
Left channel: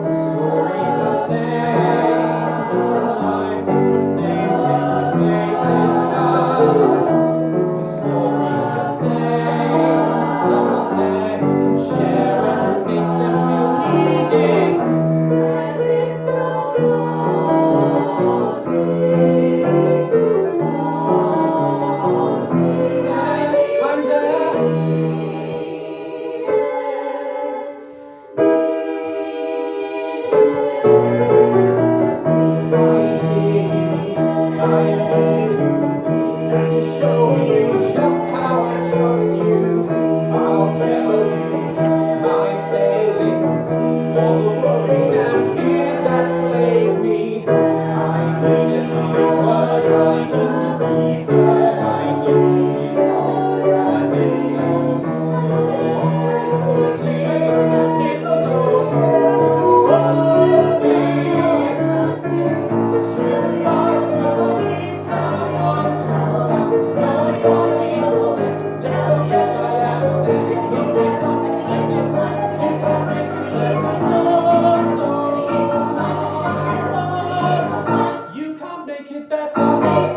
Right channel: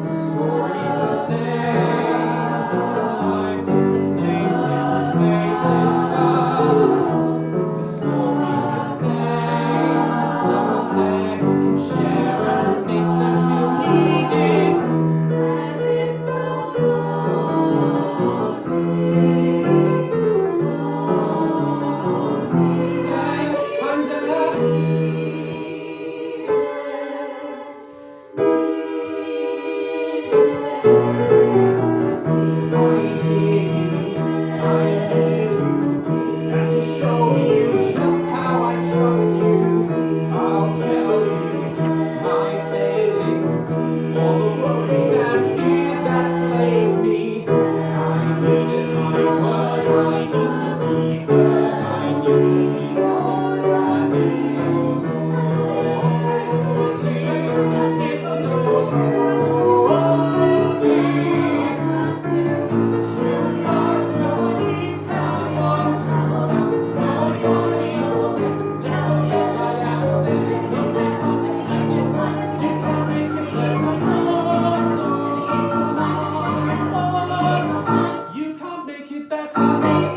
The story's the same, different lives, different names, different places, but the story's the same. Someone there who can share and it makes them feel needed. I've been so lonely, I'm there. And to show you just how I trust you, I'll tell you my failings, all the worries and fears that plague me. I needed my word, I need to be heard, I need peace. I've been so lonely, it's so You can't make it better.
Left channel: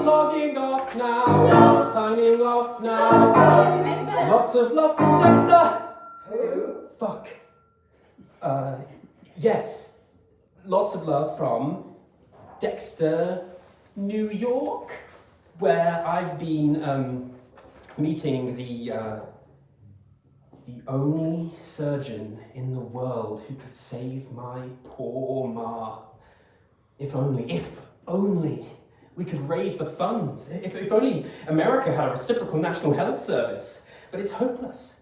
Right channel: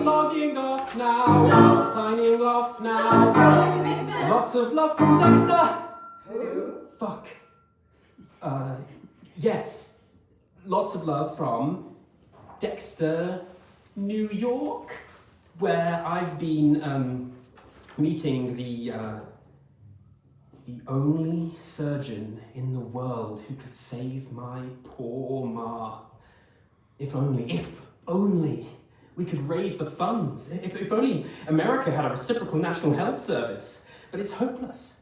Logging off now. Signing off now. Lots of love from Dexter. Who? Fuck. Yes. Lots of love from Dexter, New York, where I've been meeting the only surgeon in the world who could save my poor Ma. If only we could raise the funds. If only America had a reciprocal national health service. But it's hopeless.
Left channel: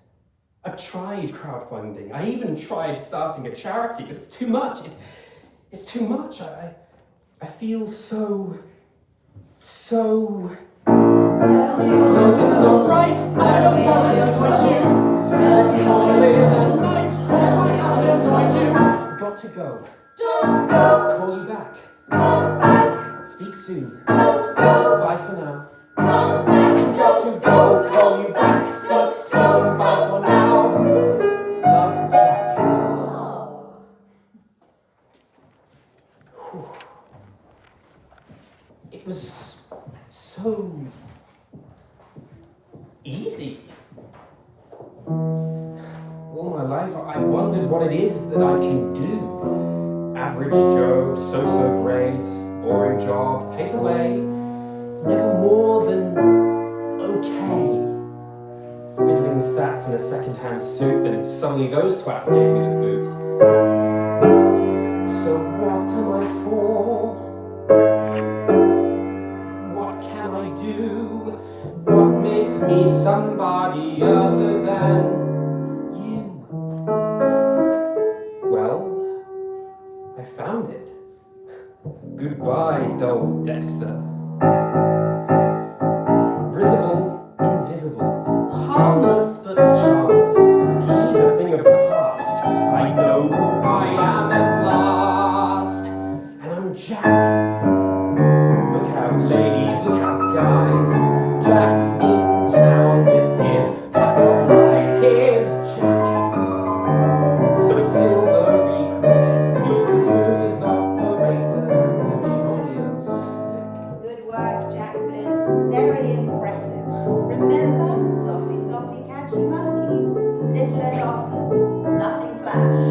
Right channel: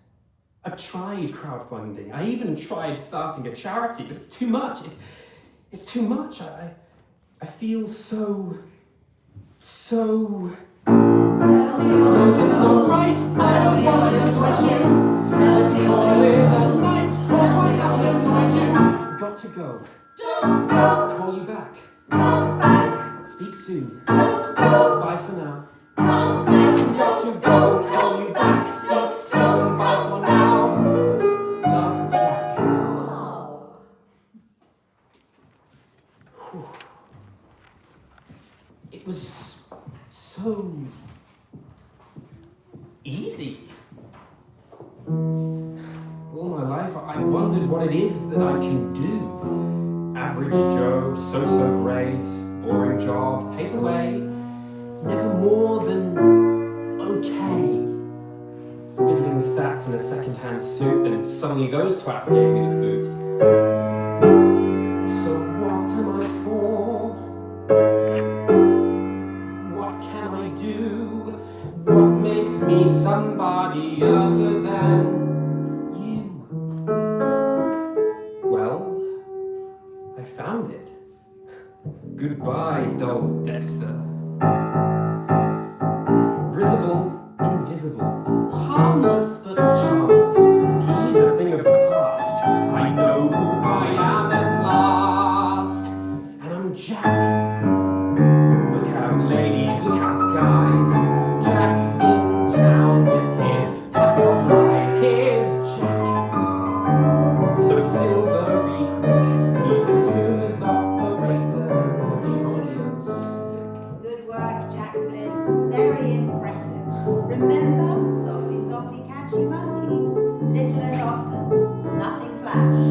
I've tried crowdfunding. I even tried starting a charity, but it's too much. It's too much. I feel so. No, just not right. I don't want to switches. Let's call it a night. Call my island righteous. Got to go. Don't go. Call you back. Come back. Speak soon. Don't go. Bye for now. Come back. Got to go. Call you back. Speak soon. Bye for now. Love, Jack. Oh. It was so easy. All my life I wondered what it is that I can do. Average Joe, so-so grades, boring job, paid away, never more than okay. fiddling stats in a second-hand suit, and suddenly those twats gave me the boot. So what am I for? What can I do? What makes me somebody other than you? Well, I found it. Goodbye, dull Dexter. Risible, invisible, harmless but charmless. He's a thing of the past. I know who I am at last. And I'm Jack. Look out, ladies, look out, guys. Jack's in town with his pack of lies. Here's Jack. So silvery quick, he's a smooth operator, petroleum slick. Good work, Jack Bliss. Very impressive. Remember, softly, softly, catchy monkey. Little and often, nothing flash.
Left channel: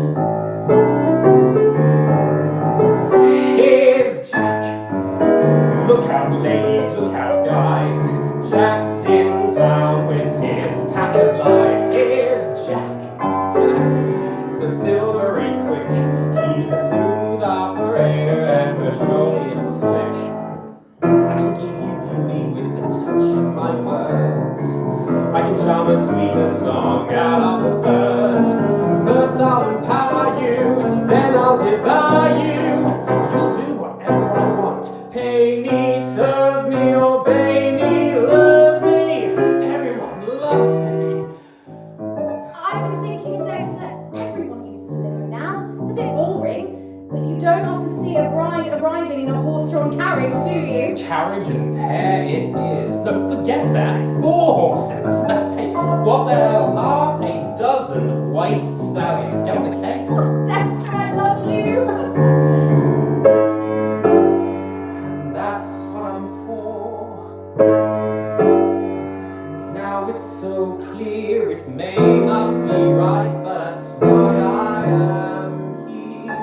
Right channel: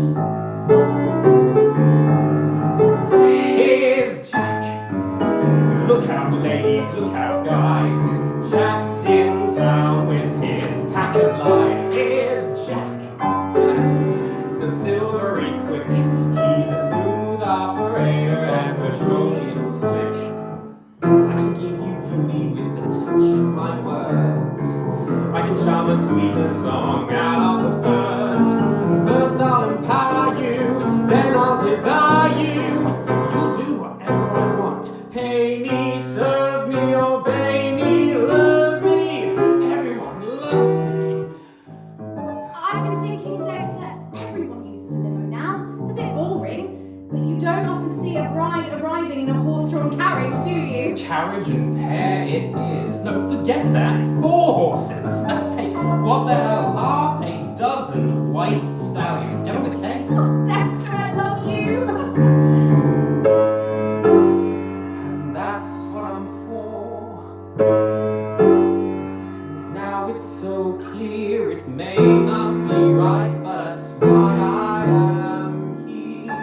Here's Jack. Look out, ladies, look out, guys. Jack's in town with his pack of lies. Here's Jack. So silvery quick, he's a smooth operator and petroleum slick. I can give you beauty with the touch of my words. I can charm a sweeter song out of the birds. First I'll empower you, then I'll devour you. You'll do whatever I want. Pay me, serve me, obey me, love me. Everyone loves me. I've been thinking, Dexter, everyone uses a limo now. It's a bit boring, but you don't often see a bride arriving in a horse-drawn carriage, do you? Carriage and pair it is. No, forget that. 4 horses. Hey, what the hell are a dozen white stallions? Get on the case. Dexter, I love you! And that's what I'm for. Now it's so clear it may not be right, but that's why I am here.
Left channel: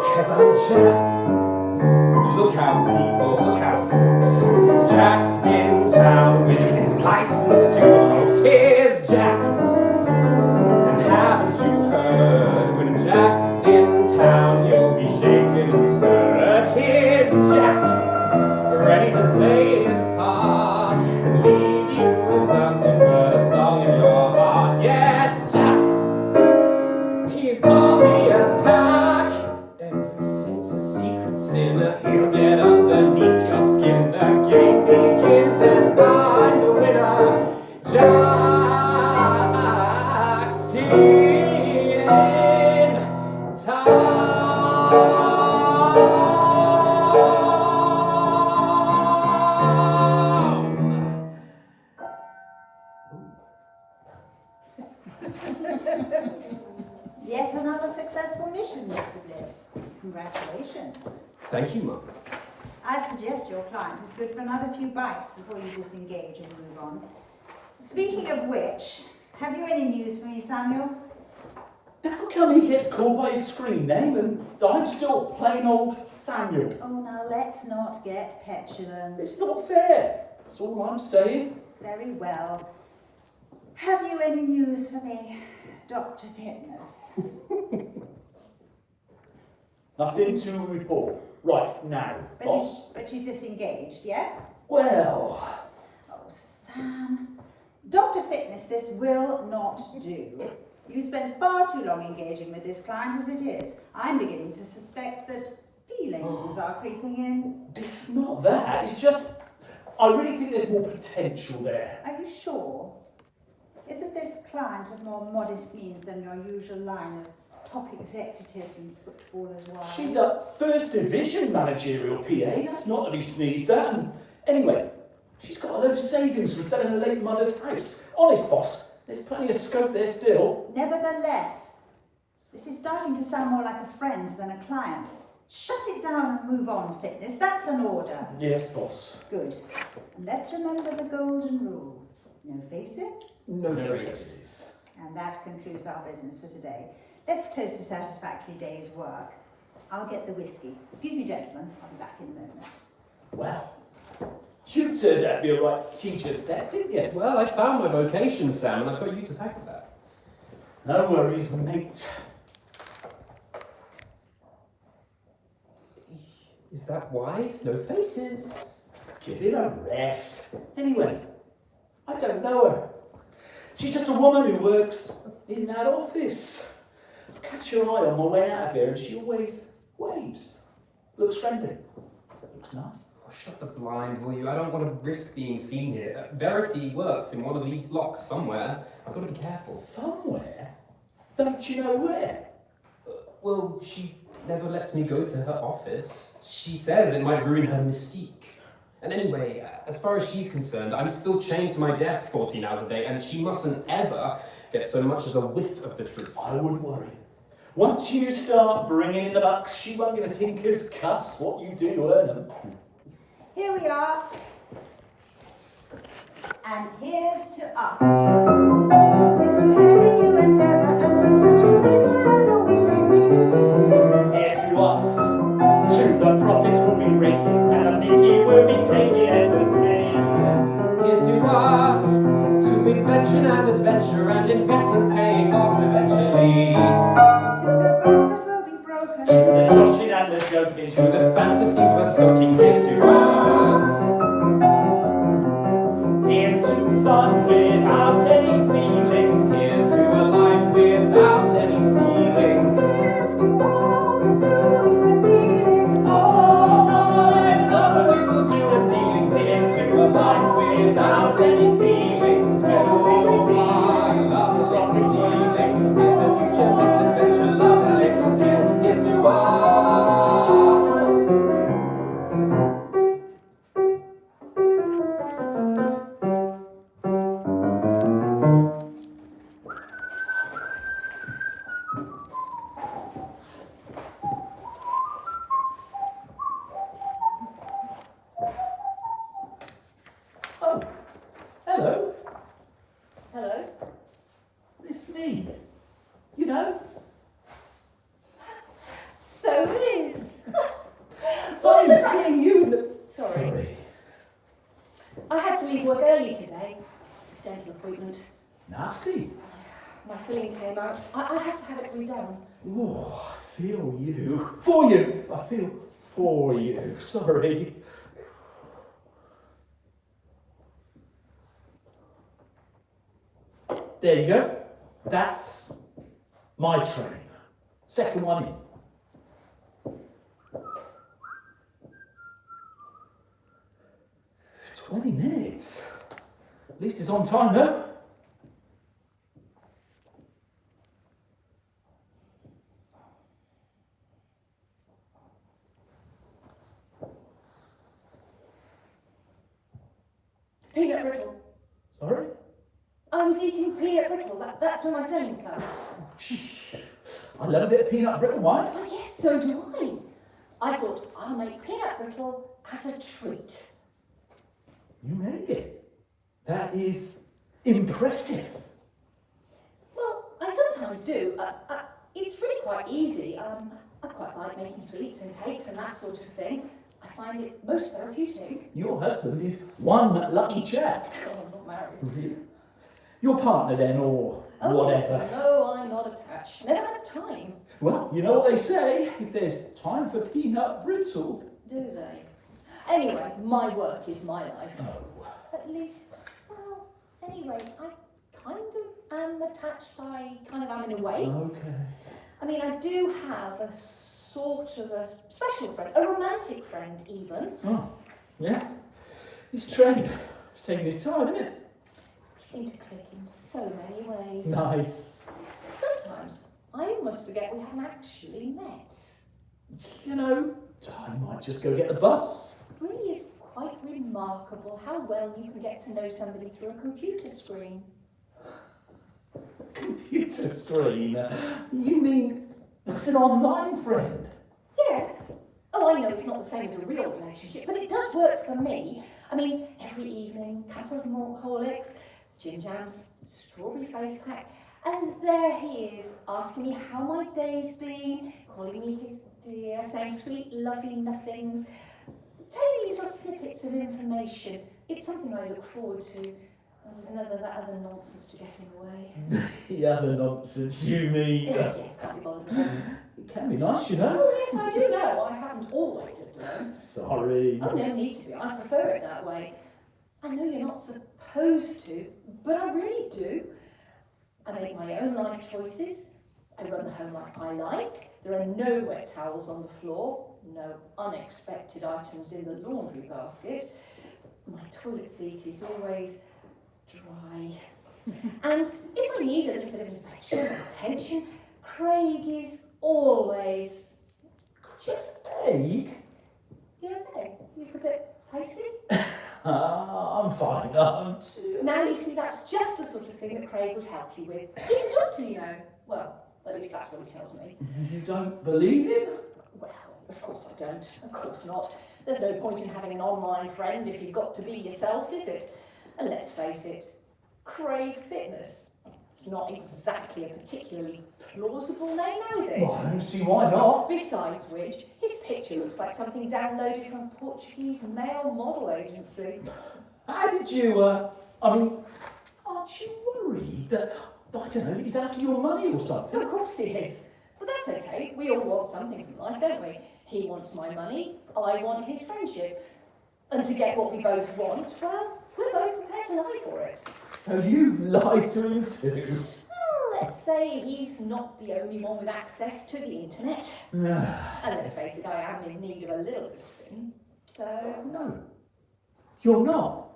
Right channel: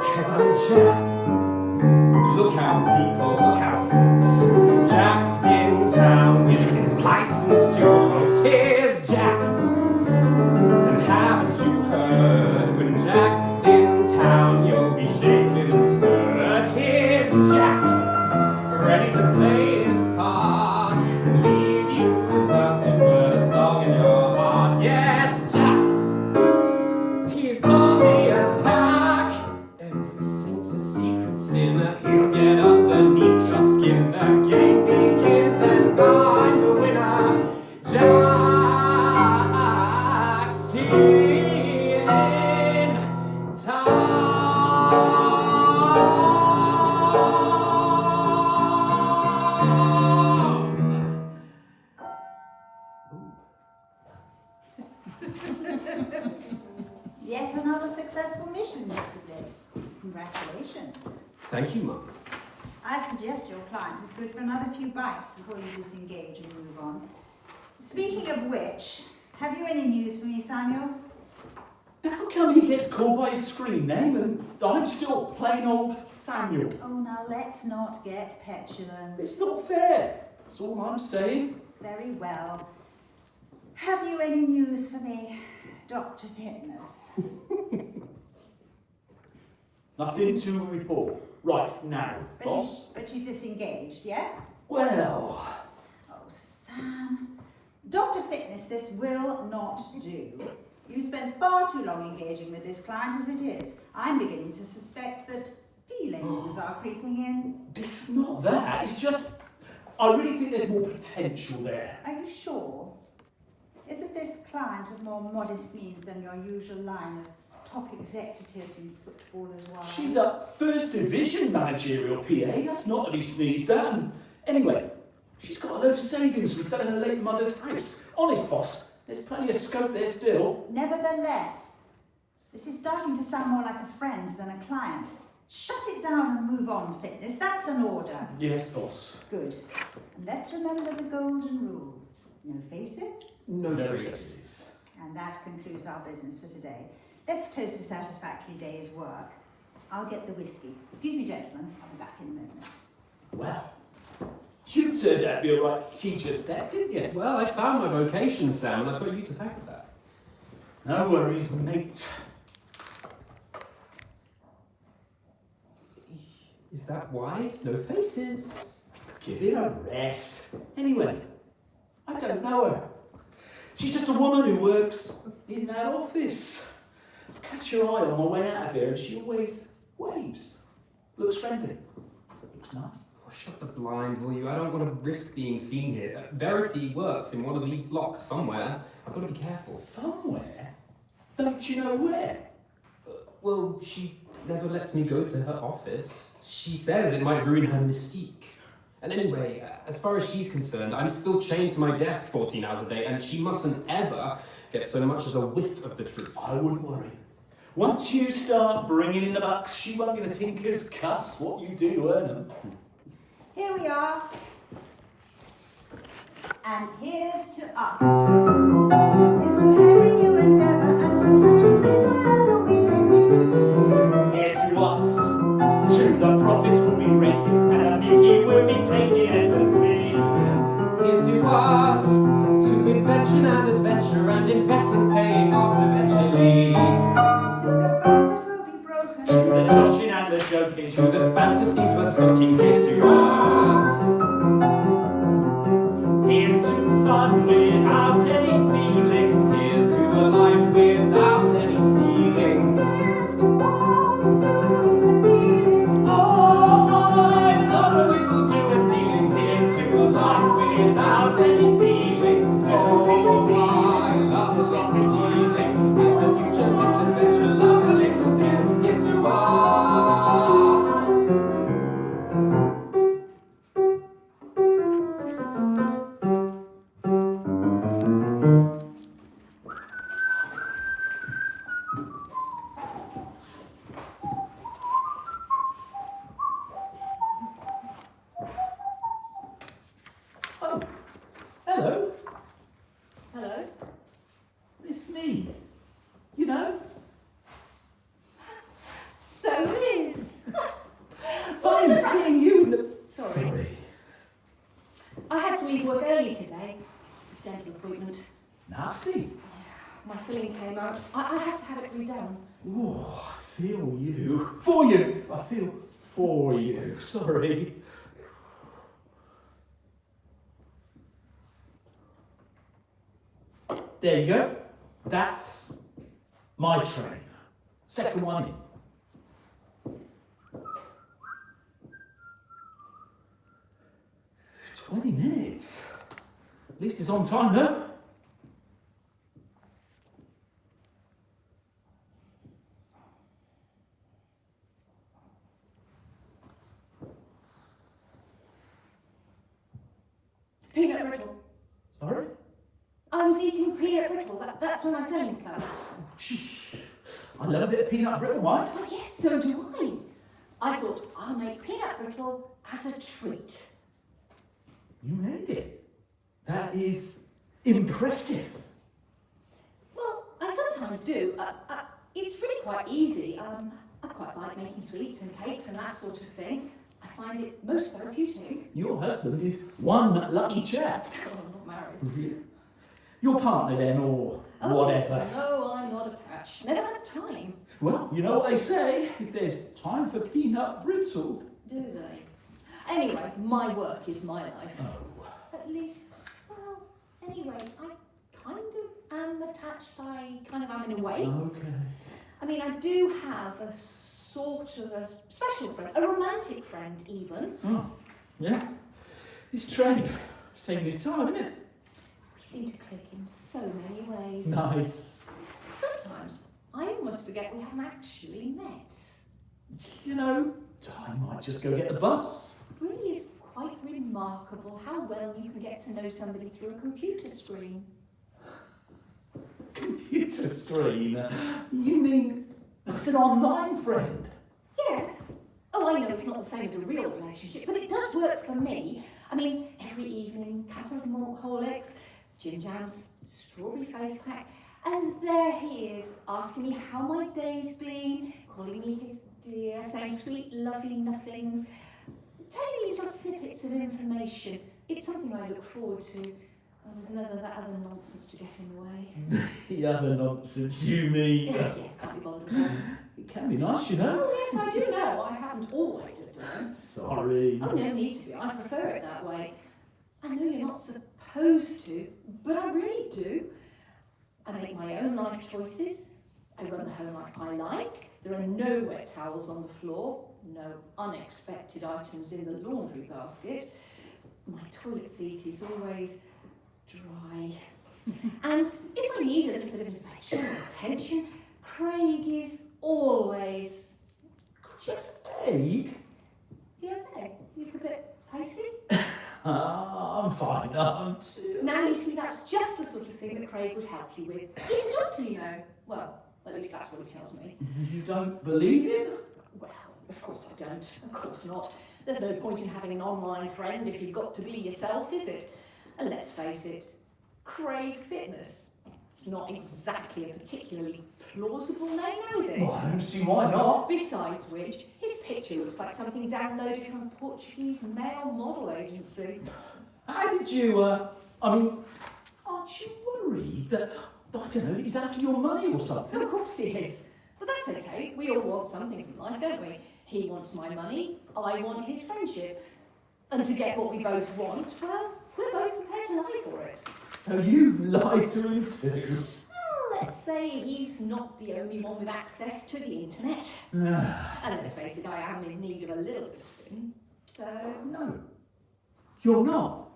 'Cause I'm Jack. Look out, people, look out, folks. Jack's in town with his license to hoax. Here's Jack. And haven't you heard? When Jack's in town, you'll be shaken and stirred. Here's Jack, ready to play his part and leave you with nothing but a song in your heart. Yes, Jack. He's on the attack. Ever since a secret sinner, he'll get underneath your skin. The game begins and I'm the winner. Jack's in town. Yet another successful mission, Mr. Bliss. Congratulations. Thank you, Mum. I suggest your client is good for another few bites before you disengage and move on. Speaking of which, have you any news for me, Samuel? How come he gets called by his screen name and I'm still plain old Samuel? Oh, now let's not get petulant. It's not fair. That's all I'm saying. Very well. Have you any news for me, Dr. Fitness? Nothing to report right now, boss. But you disengaged, yes? Well, Oh, Sam. Dr. Fitness, this will not do. You spend far too long engaging with this client as it is. I'm beginning to suspect that feelings are creeping in. it's not that. It's just, I really think there's more potential there. Are you sure? Isn't this client of more modest means than your usual line of top executives and footballers' wives? She's a first division managerial PA. That's not to be sneezed at. And anyway, she's got a load of savings from selling her late mother's house. Honest, boss. There's plenty of scope there still. Nevertheless, this is starting to sound more like a friend than a client. Shut it down and move on, Fitness. That's an order. Yes, boss. Good. And let's remember the golden rule. No faces. No traces. And that concludes our business for today. Let's toast a satisfactory day's work. I'll get the whiskey. Excuse me, gentlemen. I'll be back in a moment. Well, You turned out to be a right teacher's pet, didn't you? Well, I found my vocation, Sam, and I've got you to thank for that. No worries, mate. Is that wise? No faces. Give it a rest. Anyway, I don't know her. She's just a woman who works in that office. I catch her eye on my way out of here and she always waves. Looks friendly. Looks nice. Oh, shut the blind, will you? I don't want to risk being seen here. Verity works in one of these blocks somewhere. I've got to be careful. Somewhere? Don't you know where? Well, she never lets me go to her office. She says it might ruin her mystique. And anyway, as far as she's concerned, I'm still chained to my desk 14 hours a day, and she mustn't ever get so much as a whiff of the truth. I wouldn't worry. Once you start bringing in the bucks, she won't give a tinker's cuss what you do to earn them. Here we are. And here's to us. Here's to every new endeavour and to touching base wherever we may be. Here's to us. To the profits will be raking, and the Nicky will be taking endlessly. Here's to us, to invention and adventure and investment paying off eventually. To the bones that will be broken. To the joshing and the joking. To the fantasies we're stocking. Here's to us. Here's to fun without any feelings. Here's to a life without any ceilings. Here's to all the doings and dealings. Oh, I love a little do and dealing. Here's to a life without any ceilings. Oh, I love a little dealing. Here's the future, misadventure, love a little deal. Here's to us. Oh, hello. Hello? It's me. You know, So it is. fine seeing you in the... Sorry. I had to leave work early today. Dental appointment. Nasty. My filling came out. I had to have it redone. Oh, I feel you. For you. I feel for you. Sorry. There you go. That's my train. Second one in. "20 minutes. At least it's on time though. Peanut brittle. Sorry? I was eating peanut brittle. That's where my filling came out. I love a bit of peanut brittle, right? Oh yes, so do I. I thought I'll make peanut brittle as a treat. You made it. That is impressive. Well, I sometimes do. It's really quite easy. I quite like making sweets and cakes and that sort of thing. I find it most therapeutic. Your husband is one lucky chap. Oh, I'm not married. Your partner then, or whatever. No, I'm not attached. Never had time. Well, you know what they say, if there's time for peanut brittle. Do they? Anyway, my work is my life. Oh. At least, well, anyway, I kind of am attached. I'm in a way. Okay. I mean, I do have a sort of a special friend, a romantic friend even. Oh, yeah. This train is taking his time, isn't it? We seem to click in so many ways. Nice. Sometimes I almost forget we haven't actually met. You know, I might just go get the bus. It really is quite remarkable how well you can get to know somebody through a computer screen. Computer screen? You mean it's an online friend? Yes. Oh, I know it's not the same as a real relationship, but it does work for me. I mean, every evening, couple of malt horlicks, gin jams, strawberry face pack, and there he is, asking me how my day's been, calling me his dear, saying sweet, lovely nothings, telling little snippets of information. It's something I look forward to. None of that other nonsense to get in the way. The other nonsense, you mean? Yes, can't be bothered. It can be nice, you know. Oh, yes, I do know. I haven't always lived alone. Sorry. Oh, no need to. I prefer it that way. I know you're not supposed to, but I really do. I make my own life choices. I run home like I like. There are no wet towels on the floor. No unexpected items in the laundry basket. My toilet seat is always dry. And if I need a little bit of affection or attention, Craig is always just... Craig? You okay? You look a bit hasty? I'm fine, aren't you? Now you see, that's just the sort of thing that Craig would help you with. He's a doctor, you know. Well, at least that's what he tells me. You don't believe him? Well, of course I don't. Of course not. There's no point in having an online friend if you've got to be yourself, is it? And let's face it, Craig Fitness. It's not exactly a particularly plausible name, now is it? Well, I don't see why not. Besides which, his picture looks like something downloaded from a Portuguese male model agency. How did you, aren't you worried that, I don't know, he's after your money or something? Of course he is. But that's okay. We all want something from life, don't we? He wants my money, I want his friendship. And to get what we both want, well, we're both prepared to lie for it. So you've lied to him too? Well, let's say he's not the only one with access to the internet. And let's face it, I am in need of a little bit of spin. So... No. You're not.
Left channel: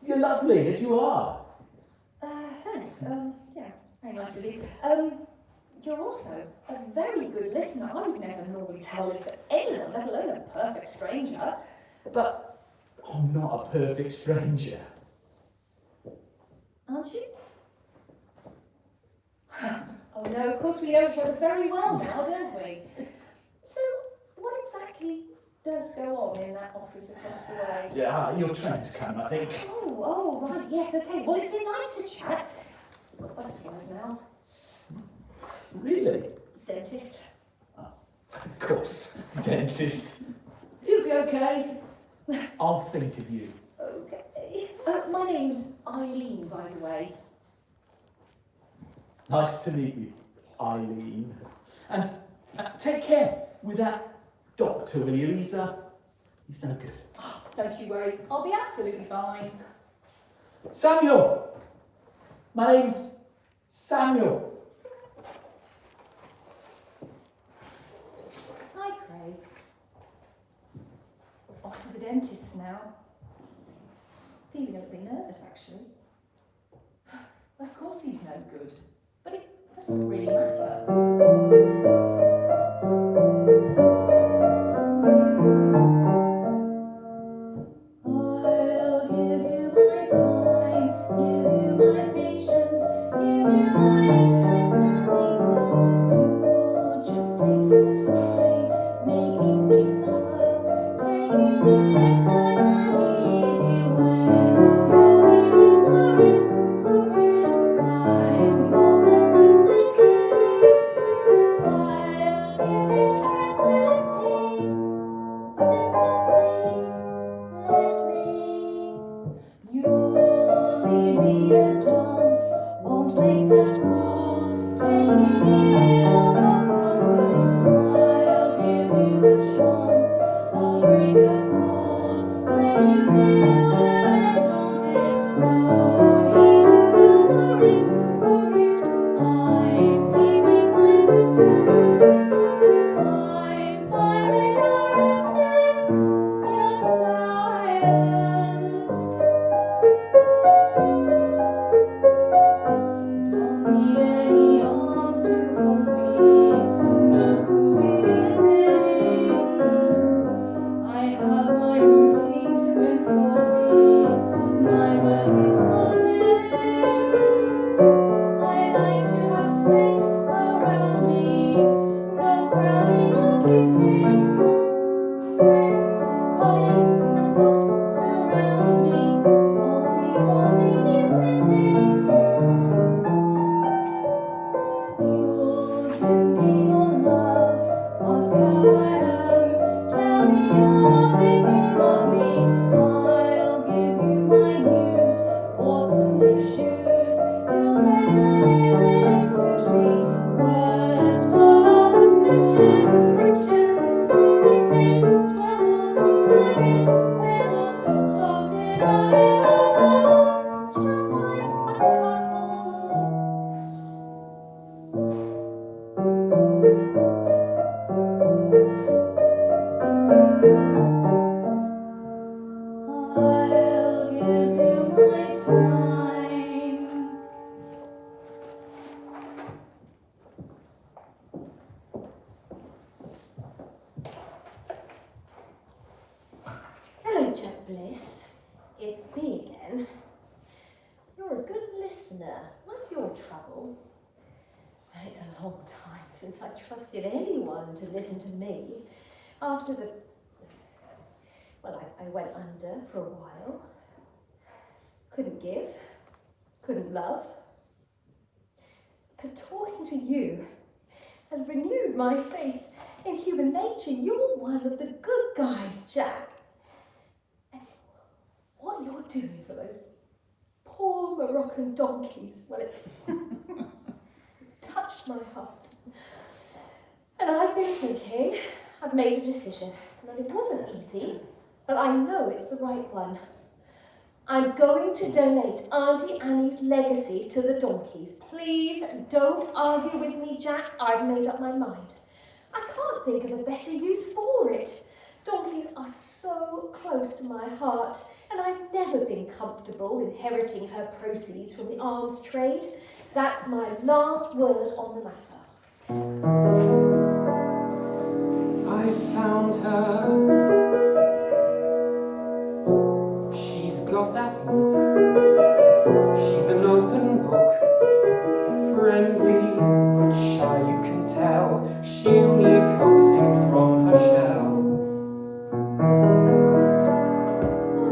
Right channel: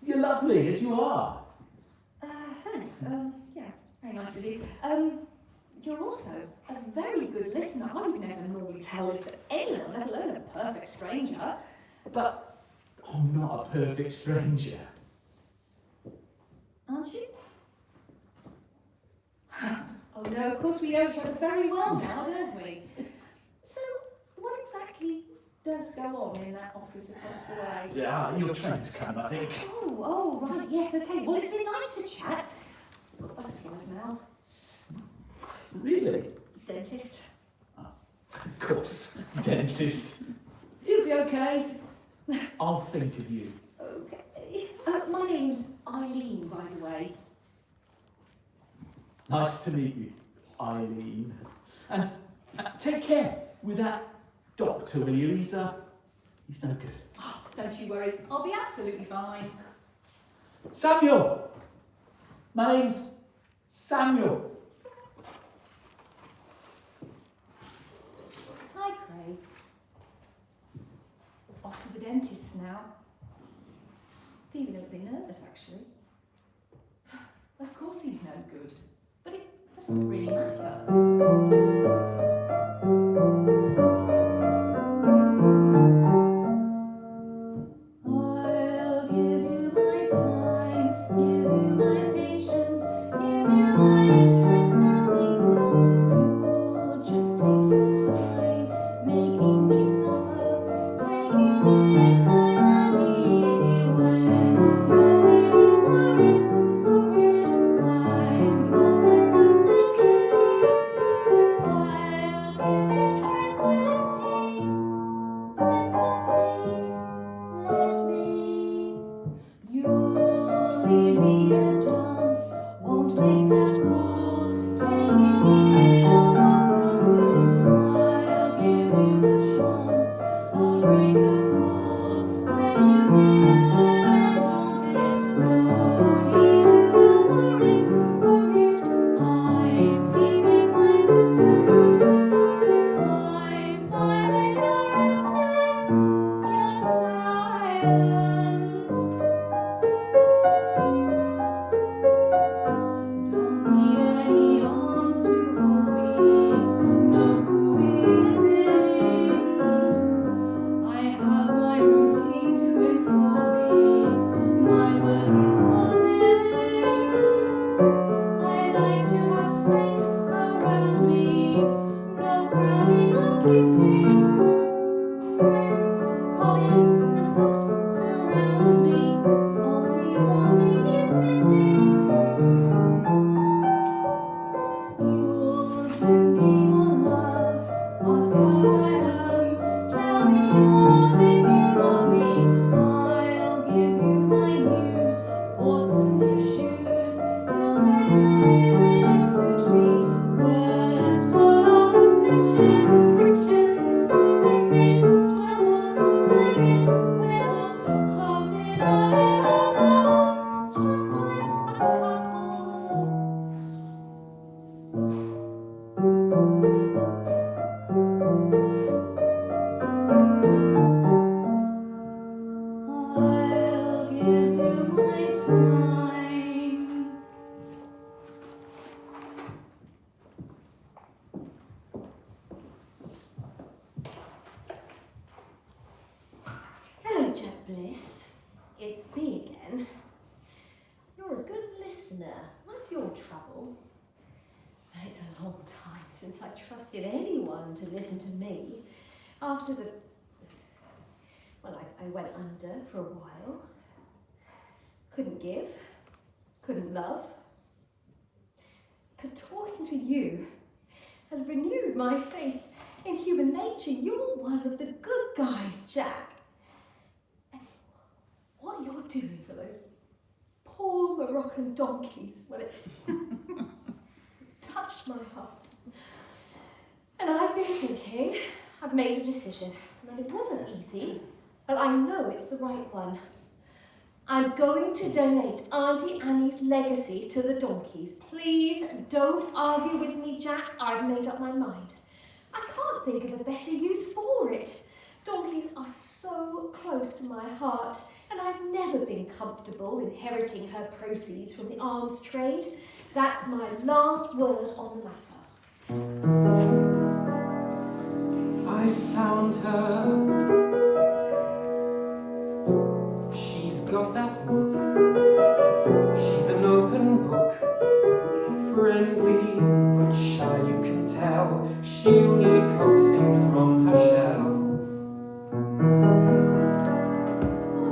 You're lovely as you are. Thanks. Yeah, very nice of you. You're also a very good listener. I would never normally tell this to anyone, let alone a perfect stranger. But I'm not a perfect stranger. Aren't you? Oh no, of course we know each other very well now, don't we? So, what exactly does go on in that office across the way? Yeah, your train's come, I think. Oh, right, yes, okay. Well, it's been nice to chat. Got butterflies now. Really? Dentist. Of course, dentist. You'll be okay. I'll think of you. Okay. My name's Eileen, by the way. Nice to meet you, Eileen. And take care with that doctor, will you? He's no good. Oh, don't you worry. I'll be absolutely fine. Samuel! My name's Samuel. Hi, Craig. Off to the dentist now. Feeling a bit nervous, actually. Of course he's no good, but it doesn't really matter. I'll give you my time, give you my patience, give you my strength and weakness. You'll just take your time, making me suffer, taking it nice and easy when you're feeling worried, I'm your best of safety. Bliss, it's me again. You're a good listener. What's your trouble? Well, it's a long time since I trusted anyone to listen to me. After the... Well, I went under for a while. Couldn't give. Couldn't love. But talking to you has renewed my faith in human nature. You're one of the good guys, Jack. And what you're doing for those poor Moroccan donkeys, well, it's touched my heart. And I've been thinking, I've made a decision. And it wasn't easy, but I know it's the right one. I'm going to donate Auntie Annie's legacy to the donkeys. Please don't argue with me, Jack. I've made up my mind. I can't think of a better use for it. Donkeys are so close to my heart, and I've never been comfortable inheriting her proceeds from the arms trade. That's my last word on the matter. I found her. She's got that look. She's an open book. Friendly but shy, you can tell. She'll need coaxing from her shell.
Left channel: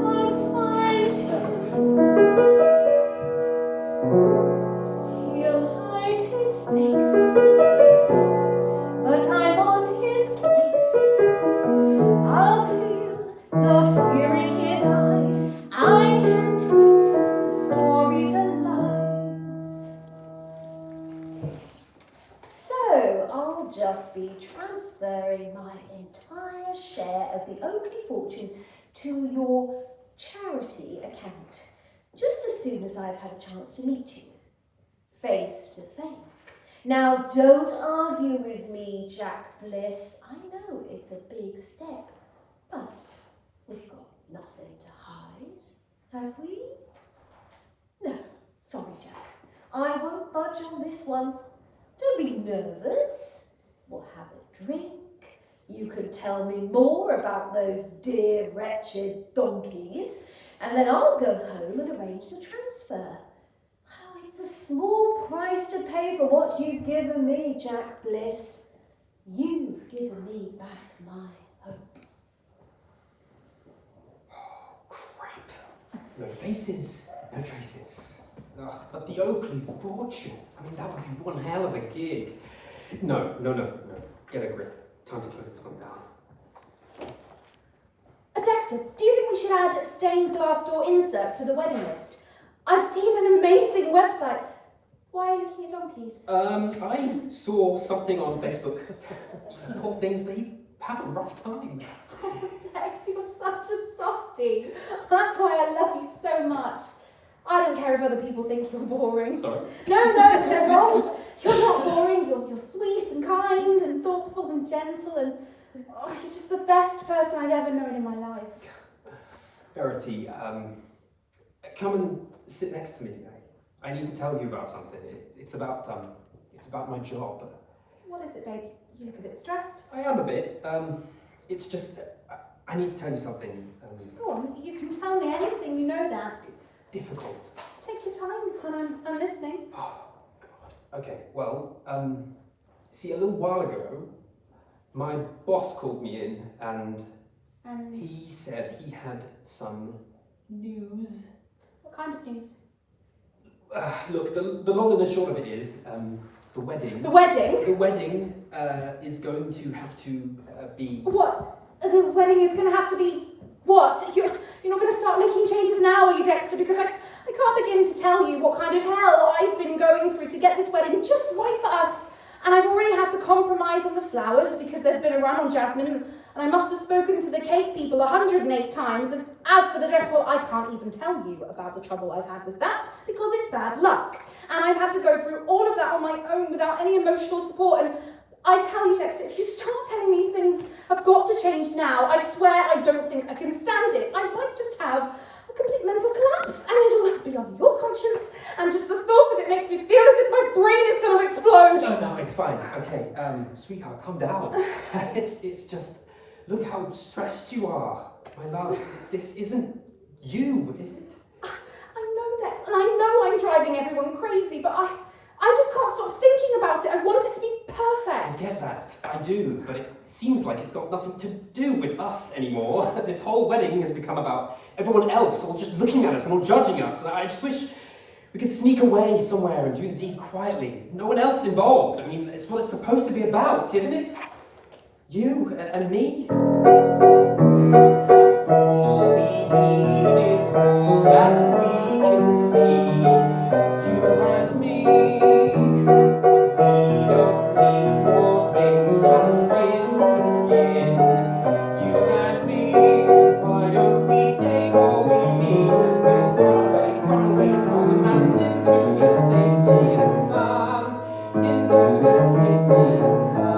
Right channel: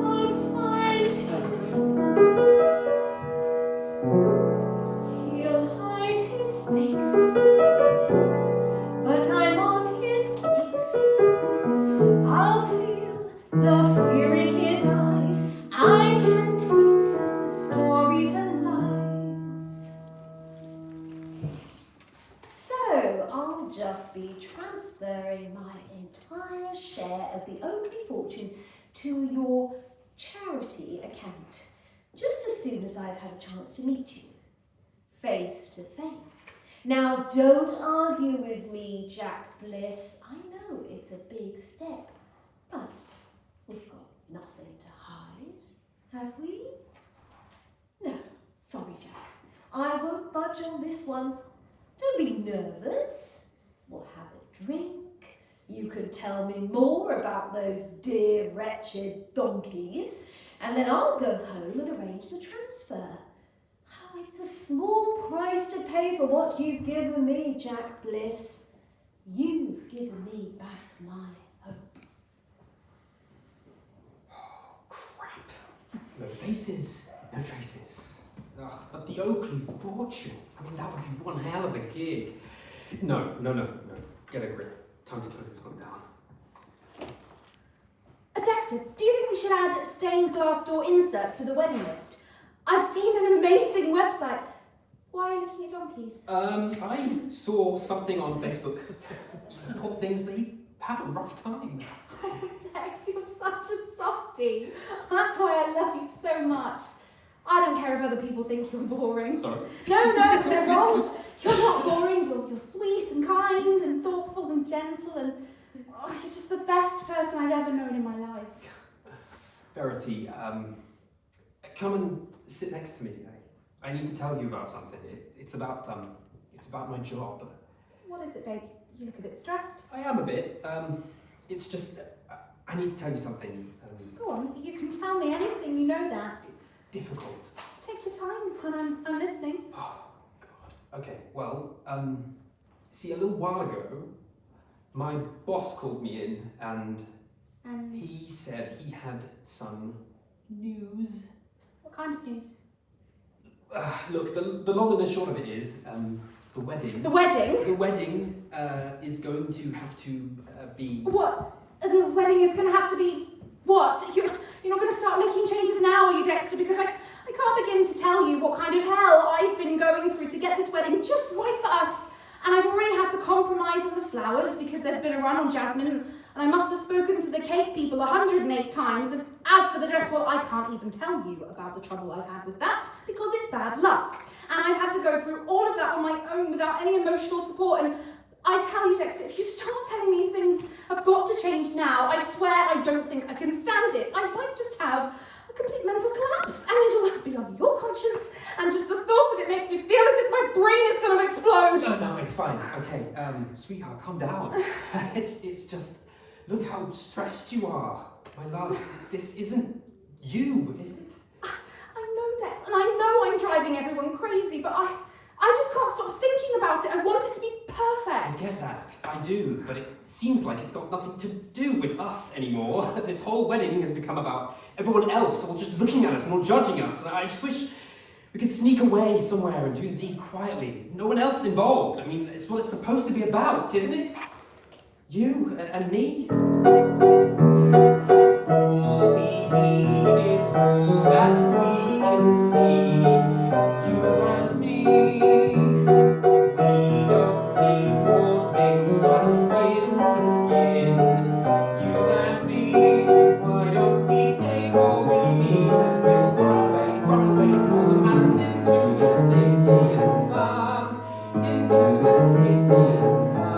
I'll find him. He'll hide his face, but I'm on his case. I'll feel the fear in his eyes. I can taste the stories and lies. So I'll just be transferring my entire share of the Oakley fortune to your charity account, just as soon as I've had a chance to meet you, face to face. Now don't argue with me, Jack Bliss. I know it's a big step, but we've got nothing to hide, have we? No, sorry, Jack. I won't budge on this one. Don't be nervous. We'll have a drink. You can tell me more about those dear, wretched donkeys, and then I'll go home and arrange the transfer. Oh, it's a small price to pay for what you've given me, Jack Bliss. You've given me back my hope. Oh, crap. No faces, no traces. Ugh, but the Oakley fortune, I mean, that would be one hell of a gig. No. Get a grip. Time to close this one down. Dexter, do you think we should add stained glass door inserts to the wedding list? I've seen an amazing website. Why are you looking at donkeys? I saw something on Facebook. Poor things, they have a rough time. Oh, Dex, you're such a softie. That's why I love you so much. I don't care if other people think you're boring. Sorry. No, they're wrong. You're not boring. You're sweet and kind and thoughtful and gentle and you're just the best person I've ever known in my life. Verity, come and sit next to me. I need to tell you about something. It's about my job. What is it, babe? You look a bit stressed. I am a bit. It's just I need to tell you something. Go on, you can tell me anything. You know that. It's difficult. Take your time, and I'm listening. Oh God. Okay. Well, see, a little while ago, my boss called me in and he said he had some news. What kind of news? Look, the long and the short of it is the wedding. The wedding? The wedding is going to have to be. What? The wedding is going to have to be what? You're not going to start making changes now, are you, Dexter? Because I can't begin to tell you what kind of hell I've been going through to get this wedding just right for us. And I've already had to compromise on the flowers because there's been a run on jasmine, and I must have spoken to the cake people 108 times. And as for the dress, well, I can't even tell you about the trouble I've had with that because it's bad luck. And I've had to go through all of that on my own without any emotional support. And I tell you, Dexter, if you start telling me things have got to change now, I swear I don't think I can stand it. I might just have a complete mental collapse, and it'll be on your conscience, and just the thought of it makes me feel as if my brain is going to explode. Oh, no, it's fine. Okay, sweetheart, calm down. It's just, look how stressed you are. My love, this isn't you, is it? I know, Dex, and I know I'm driving everyone crazy, but I just can't stop thinking about it. I want it to be I perfect. get that, I do, but it seems like it's got nothing to do with us anymore. This whole wedding has become about everyone else, all just looking at us and all judging us, and I just wish we could sneak away somewhere and do the deed quietly. No one else involved. I mean, it's what it's supposed to be about, isn't it? You and me. All we need is all that we can see. You and me. We don't need more things, just skin to skin. You and me. Why don't we take all we need and we'll run away from the madness into the safety and sun, into the safety and sun.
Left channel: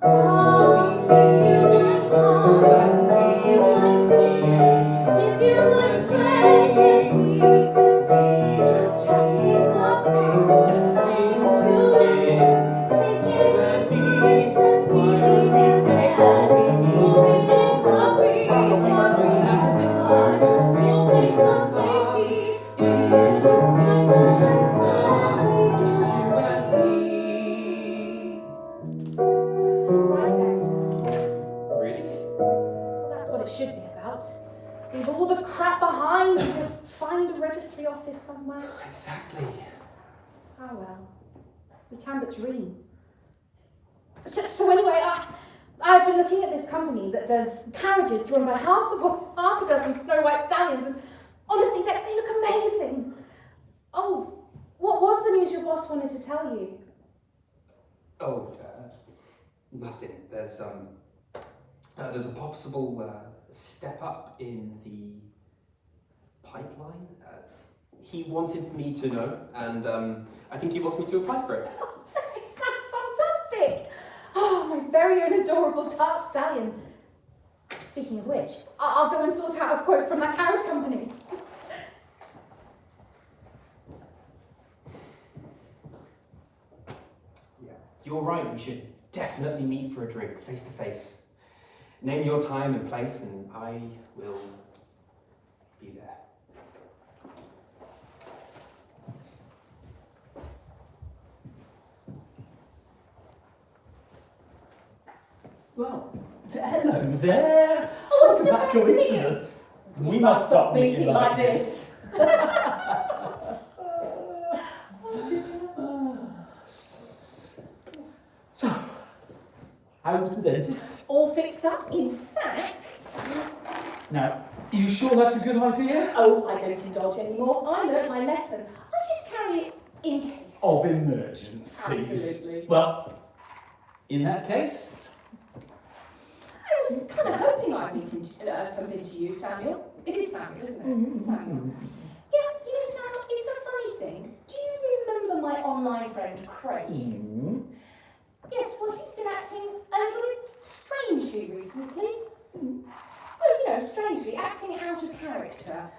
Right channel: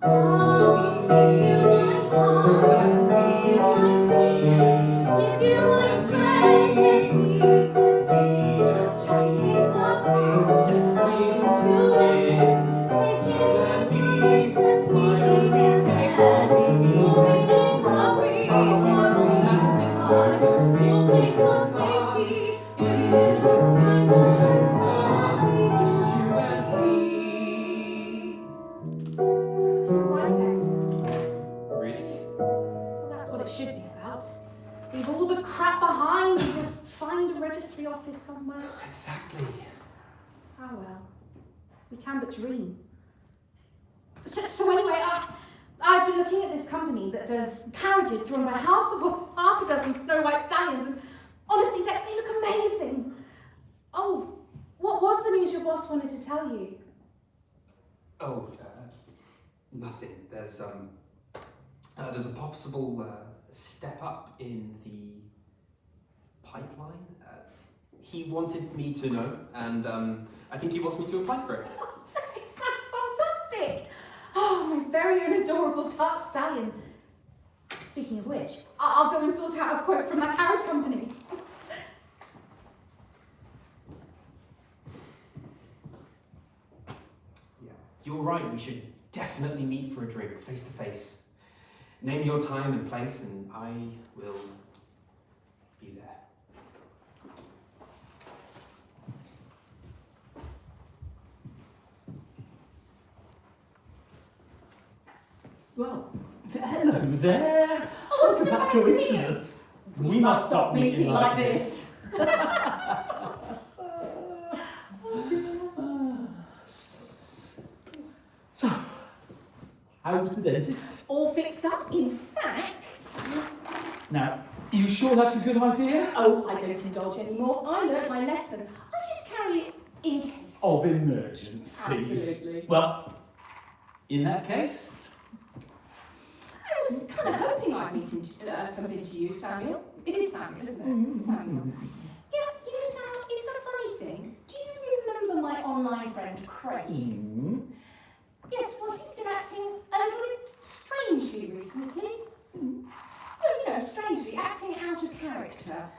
Oh, if you just want, if you want wishes, if you want strength that we could see, just take our things, just skin to skin. Take you and me, since easy and fair. You're feeling happy, you'll place of safety into the safety and sun. Just you and me. Right, Dex. Really? That's what it should be about. Leave all the crap behind and just find a registry office somewhere. Exactly. Oh well, we can but dream. So anyway, I've been looking at this company that does carriages drawn by half a dozen Snow White stallions, and honestly, Dex, they look amazing. Oh, what was the news your boss wanted to tell you? Oh, nothing. There's a possible step up in the pipeline. He wanted me to know, and I think he wants me to apply for it. Oh, Dex, that's fantastic! Oh, my very own adorable dark stallion. Speaking of which, I'll go and sort out a quote from that carriage company. Yeah, you're right. We should definitely meet for a drink, face to face. Name your time and place, and I will be there. Well, hello there. What is that coincidence? We must stop meeting like this. So, how was the dentist? All fixed up, in fact. Now, you sure that's a good idea? Oh, I don't indulge anymore. I learnt my lesson. I'll just carry it in case. Of emergencies. Absolutely. Well, in that case, I was kind of hoping I'd bump into you, Samuel. It is Samuel, isn't it? Samuel. Yeah, you know, Sam, it's a funny thing. Do you remember my online friend, Craig? Yes, well, he's been acting a little bit strangely recently. Well, you know, strangely, acting out of character.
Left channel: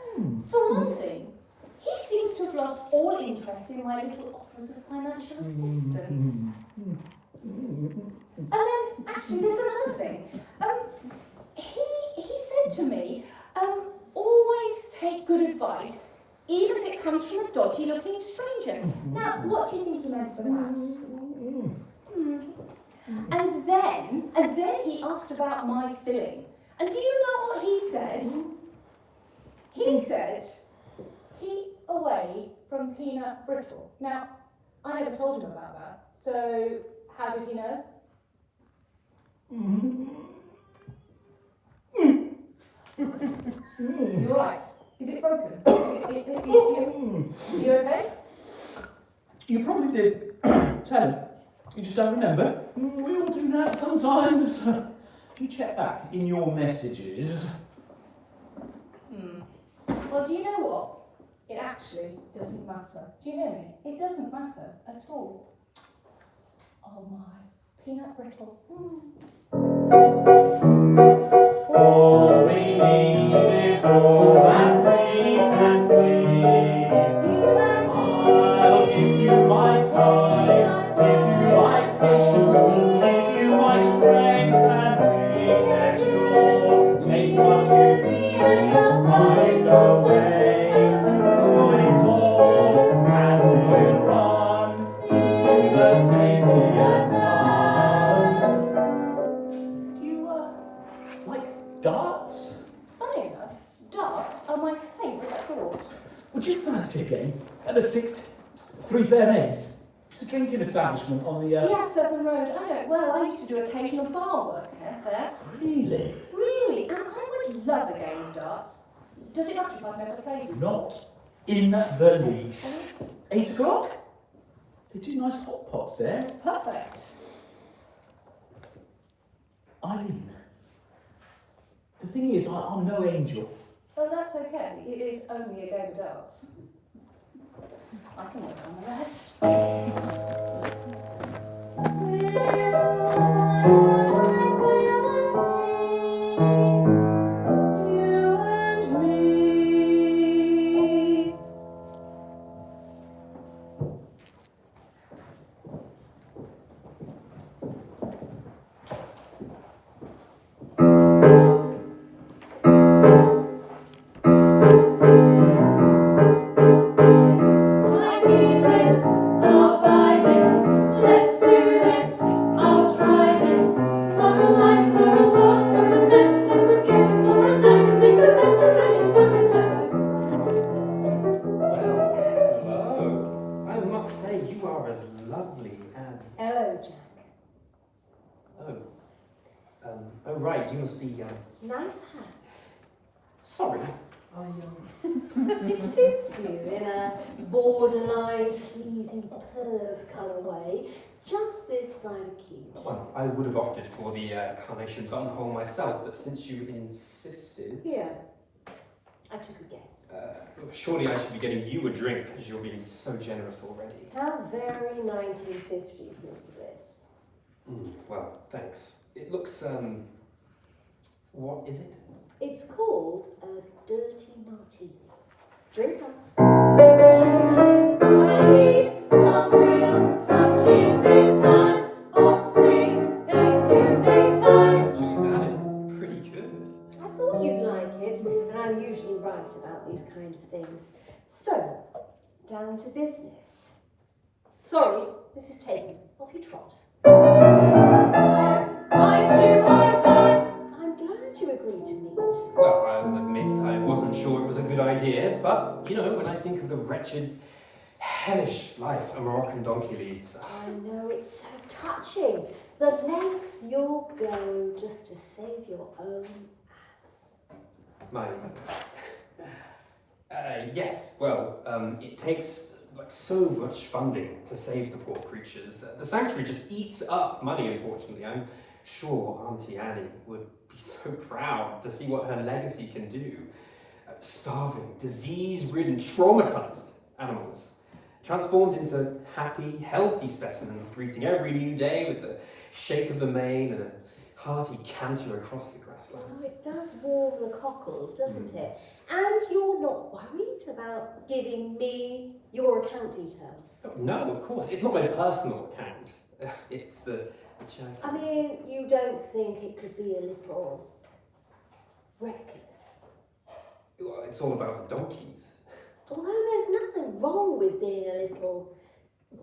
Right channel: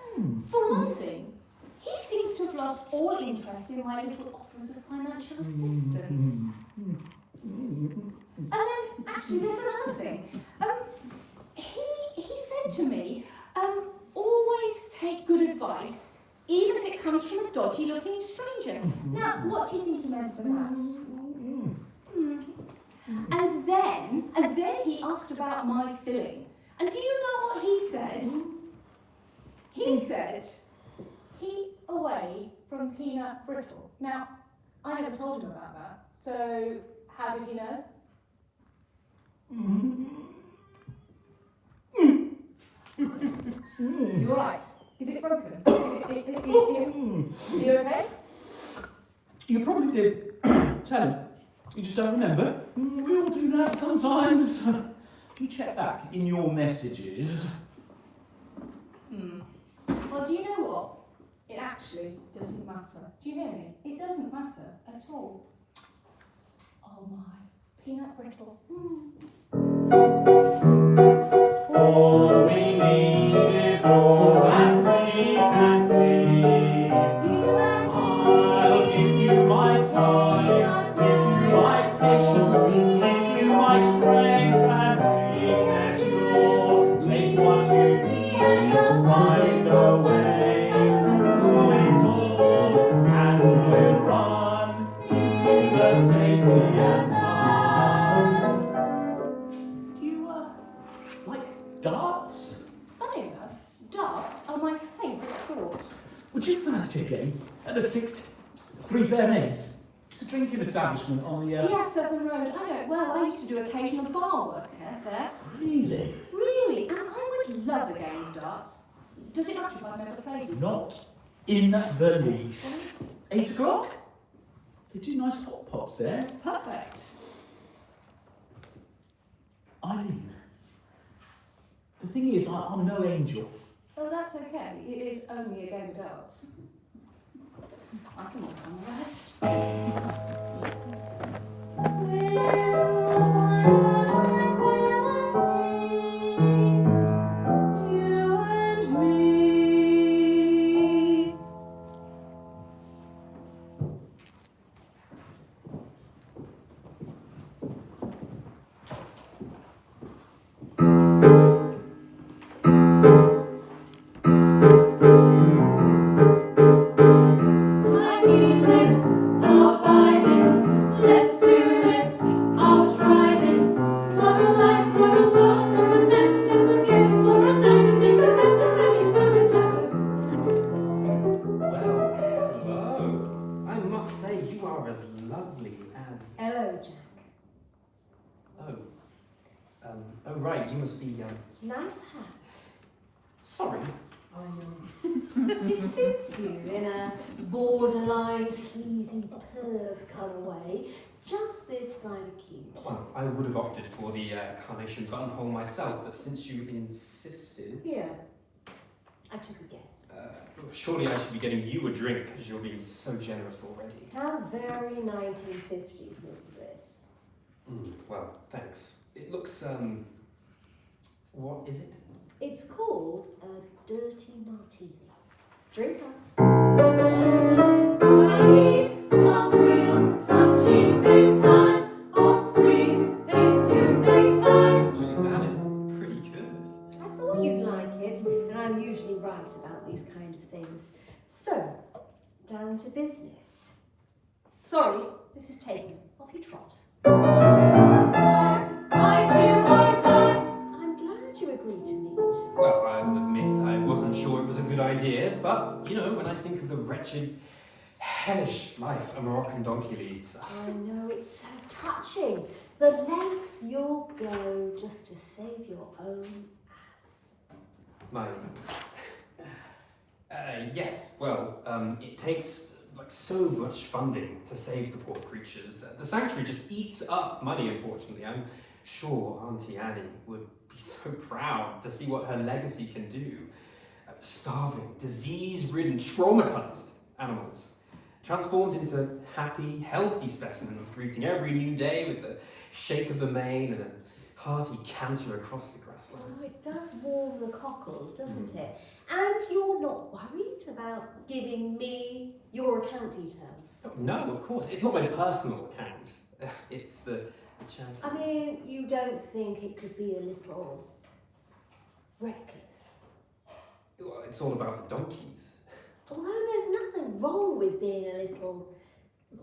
For one thing, he seems to have lost all interest in my little offers of financial assistance. And then, actually, there's another thing. He said to me, always take good advice, even if it comes from a dodgy-looking stranger. Now, what do you think he meant by that? And then he asked about my filling. And do you know what he said? He said, keep away from peanut brittle. Now, I never told him about that. So, how did you know? You're right. Is it broken? You okay? you probably did tell him. You just don't remember. We all do that sometimes. You check back in your messages. Well, do you know what? It actually doesn't matter. Do you hear me? It doesn't matter at all. Oh my, peanut brittle. All we need is all that we can see. I'll give you my time, give you my patience, give you my strength and Fair Mates. It's a drinking establishment on the... Yes, Southern Road. I know. Well, I used to do occasional bar work there. Really? Really? And I would love a game of darts. Does it have to run over the playground? Not in the least. 8 o'clock? They do nice hot pots there. Perfect. Eileen, the thing is, I'm no angel. Well, that's okay. It is only a game of darts. I can work on the rest. Nice hat. Sorry. It suits you in a borderline sleazy perv colourway, just this side of cute. Well, I would have opted for the carnation buttonhole myself, but since you insisted... Here, I took a guess. Surely I should be getting you a drink, because you're being so generous already. How very 1950s, Mr. Bliss. Well, thanks. It looks, what is it? It's called a dirty martini. Drink up. I need some real touching FaceTime, off-screen, face-to-face time. That is pretty good. I thought you'd like it, and I'm usually right about these kind of things. So, down to business. Sorry, this is taken. Off you trot. I time. I'm glad you agreed to meet. Well, I'll admit I wasn't sure it was a good idea, but, you know, when I think of the wretched, hellish life a Moroccan donkey leads... I know, it's so touching. The lengths you'll go just to save your own ass. Yes, well, it takes so much funding to save the poor creatures. The sanctuary just eats up money, unfortunately. I'm sure Auntie Annie would be so proud to see what her legacy can do. Starving, disease-ridden, traumatized animals, transformed into happy, healthy specimens, greeting every new day with a shake of the mane and a hearty canter across the grasslands. Oh, it does warm the cockles, doesn't it? And you're not worried about giving me your account details? No, of course. It's not my personal account. It's the charity. I mean, you don't think it could be a little reckless? Well, it's all about the donkeys. Although there's nothing wrong with being a little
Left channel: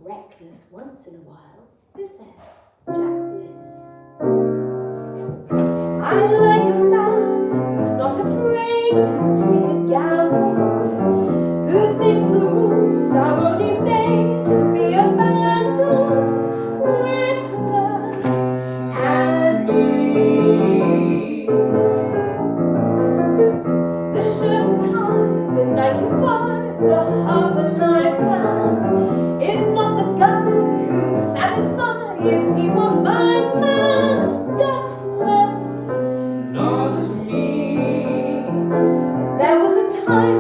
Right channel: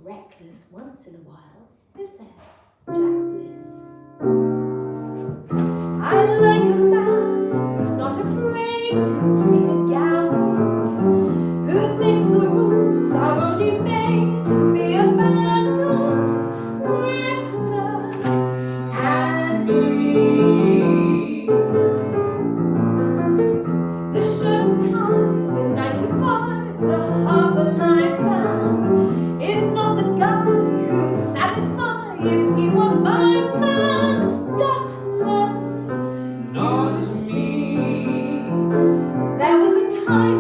reckless once in a while, is there, Jack Bliss? I like a man who's not afraid to take a gamble, who thinks the rules are only made to be abandoned, reckless as me. The shirt and tie, the 9 to 5, the half-alive man is not the guy who'd satisfy if he were my man. Gutless, not me. There was a time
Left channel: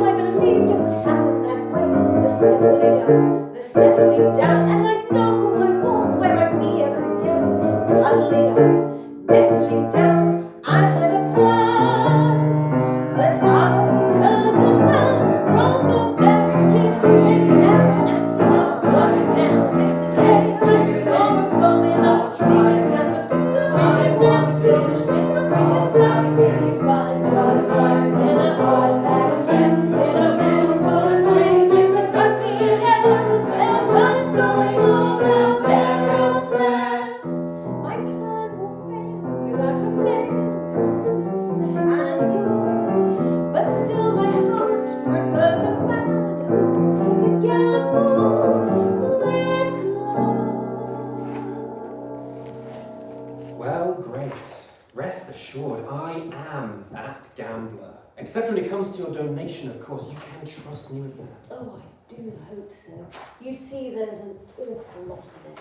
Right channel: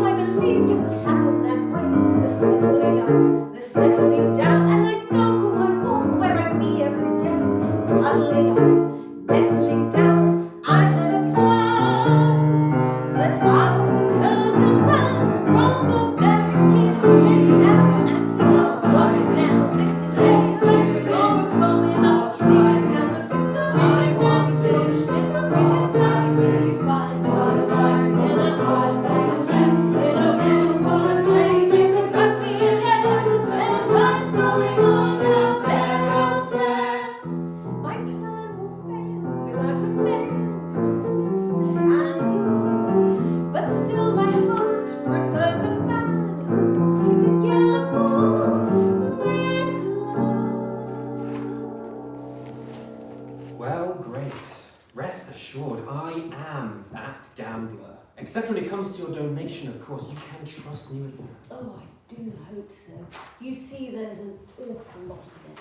Except when it comes to your donation, of course, you can trust me with that. Oh, I do hope so. You see, there's an awful lot of it.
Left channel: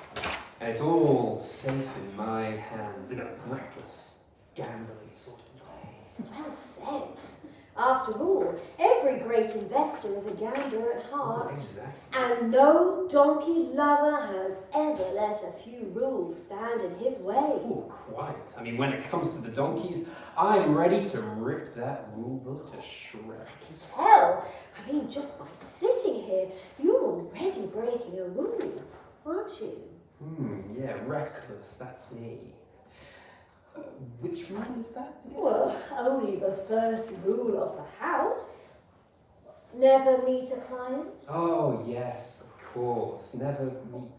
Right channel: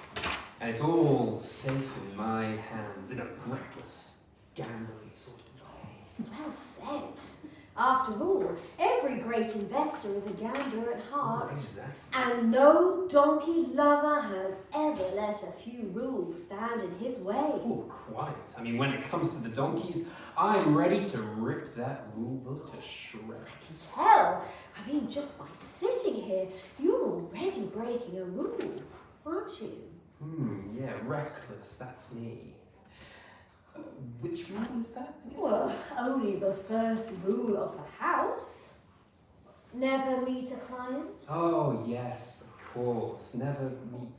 And it's all safe in my hands, in a reckless, gambling sort of way. Well said. After all, every great investor is a gambler at heart. Exactly. And no donkey lover has ever let a few rules stand in his way. Oh, quiet. I mean, when it comes to the donkeys, I'm ready to rip that rule book to shreds. Hell, I mean, just by sitting here, you're already breaking a rule, aren't you? Yeah, reckless, that's me. Which rule is that? Well, only the first rule of the house. Never meet a client. Oh, yes, of course. Never meet,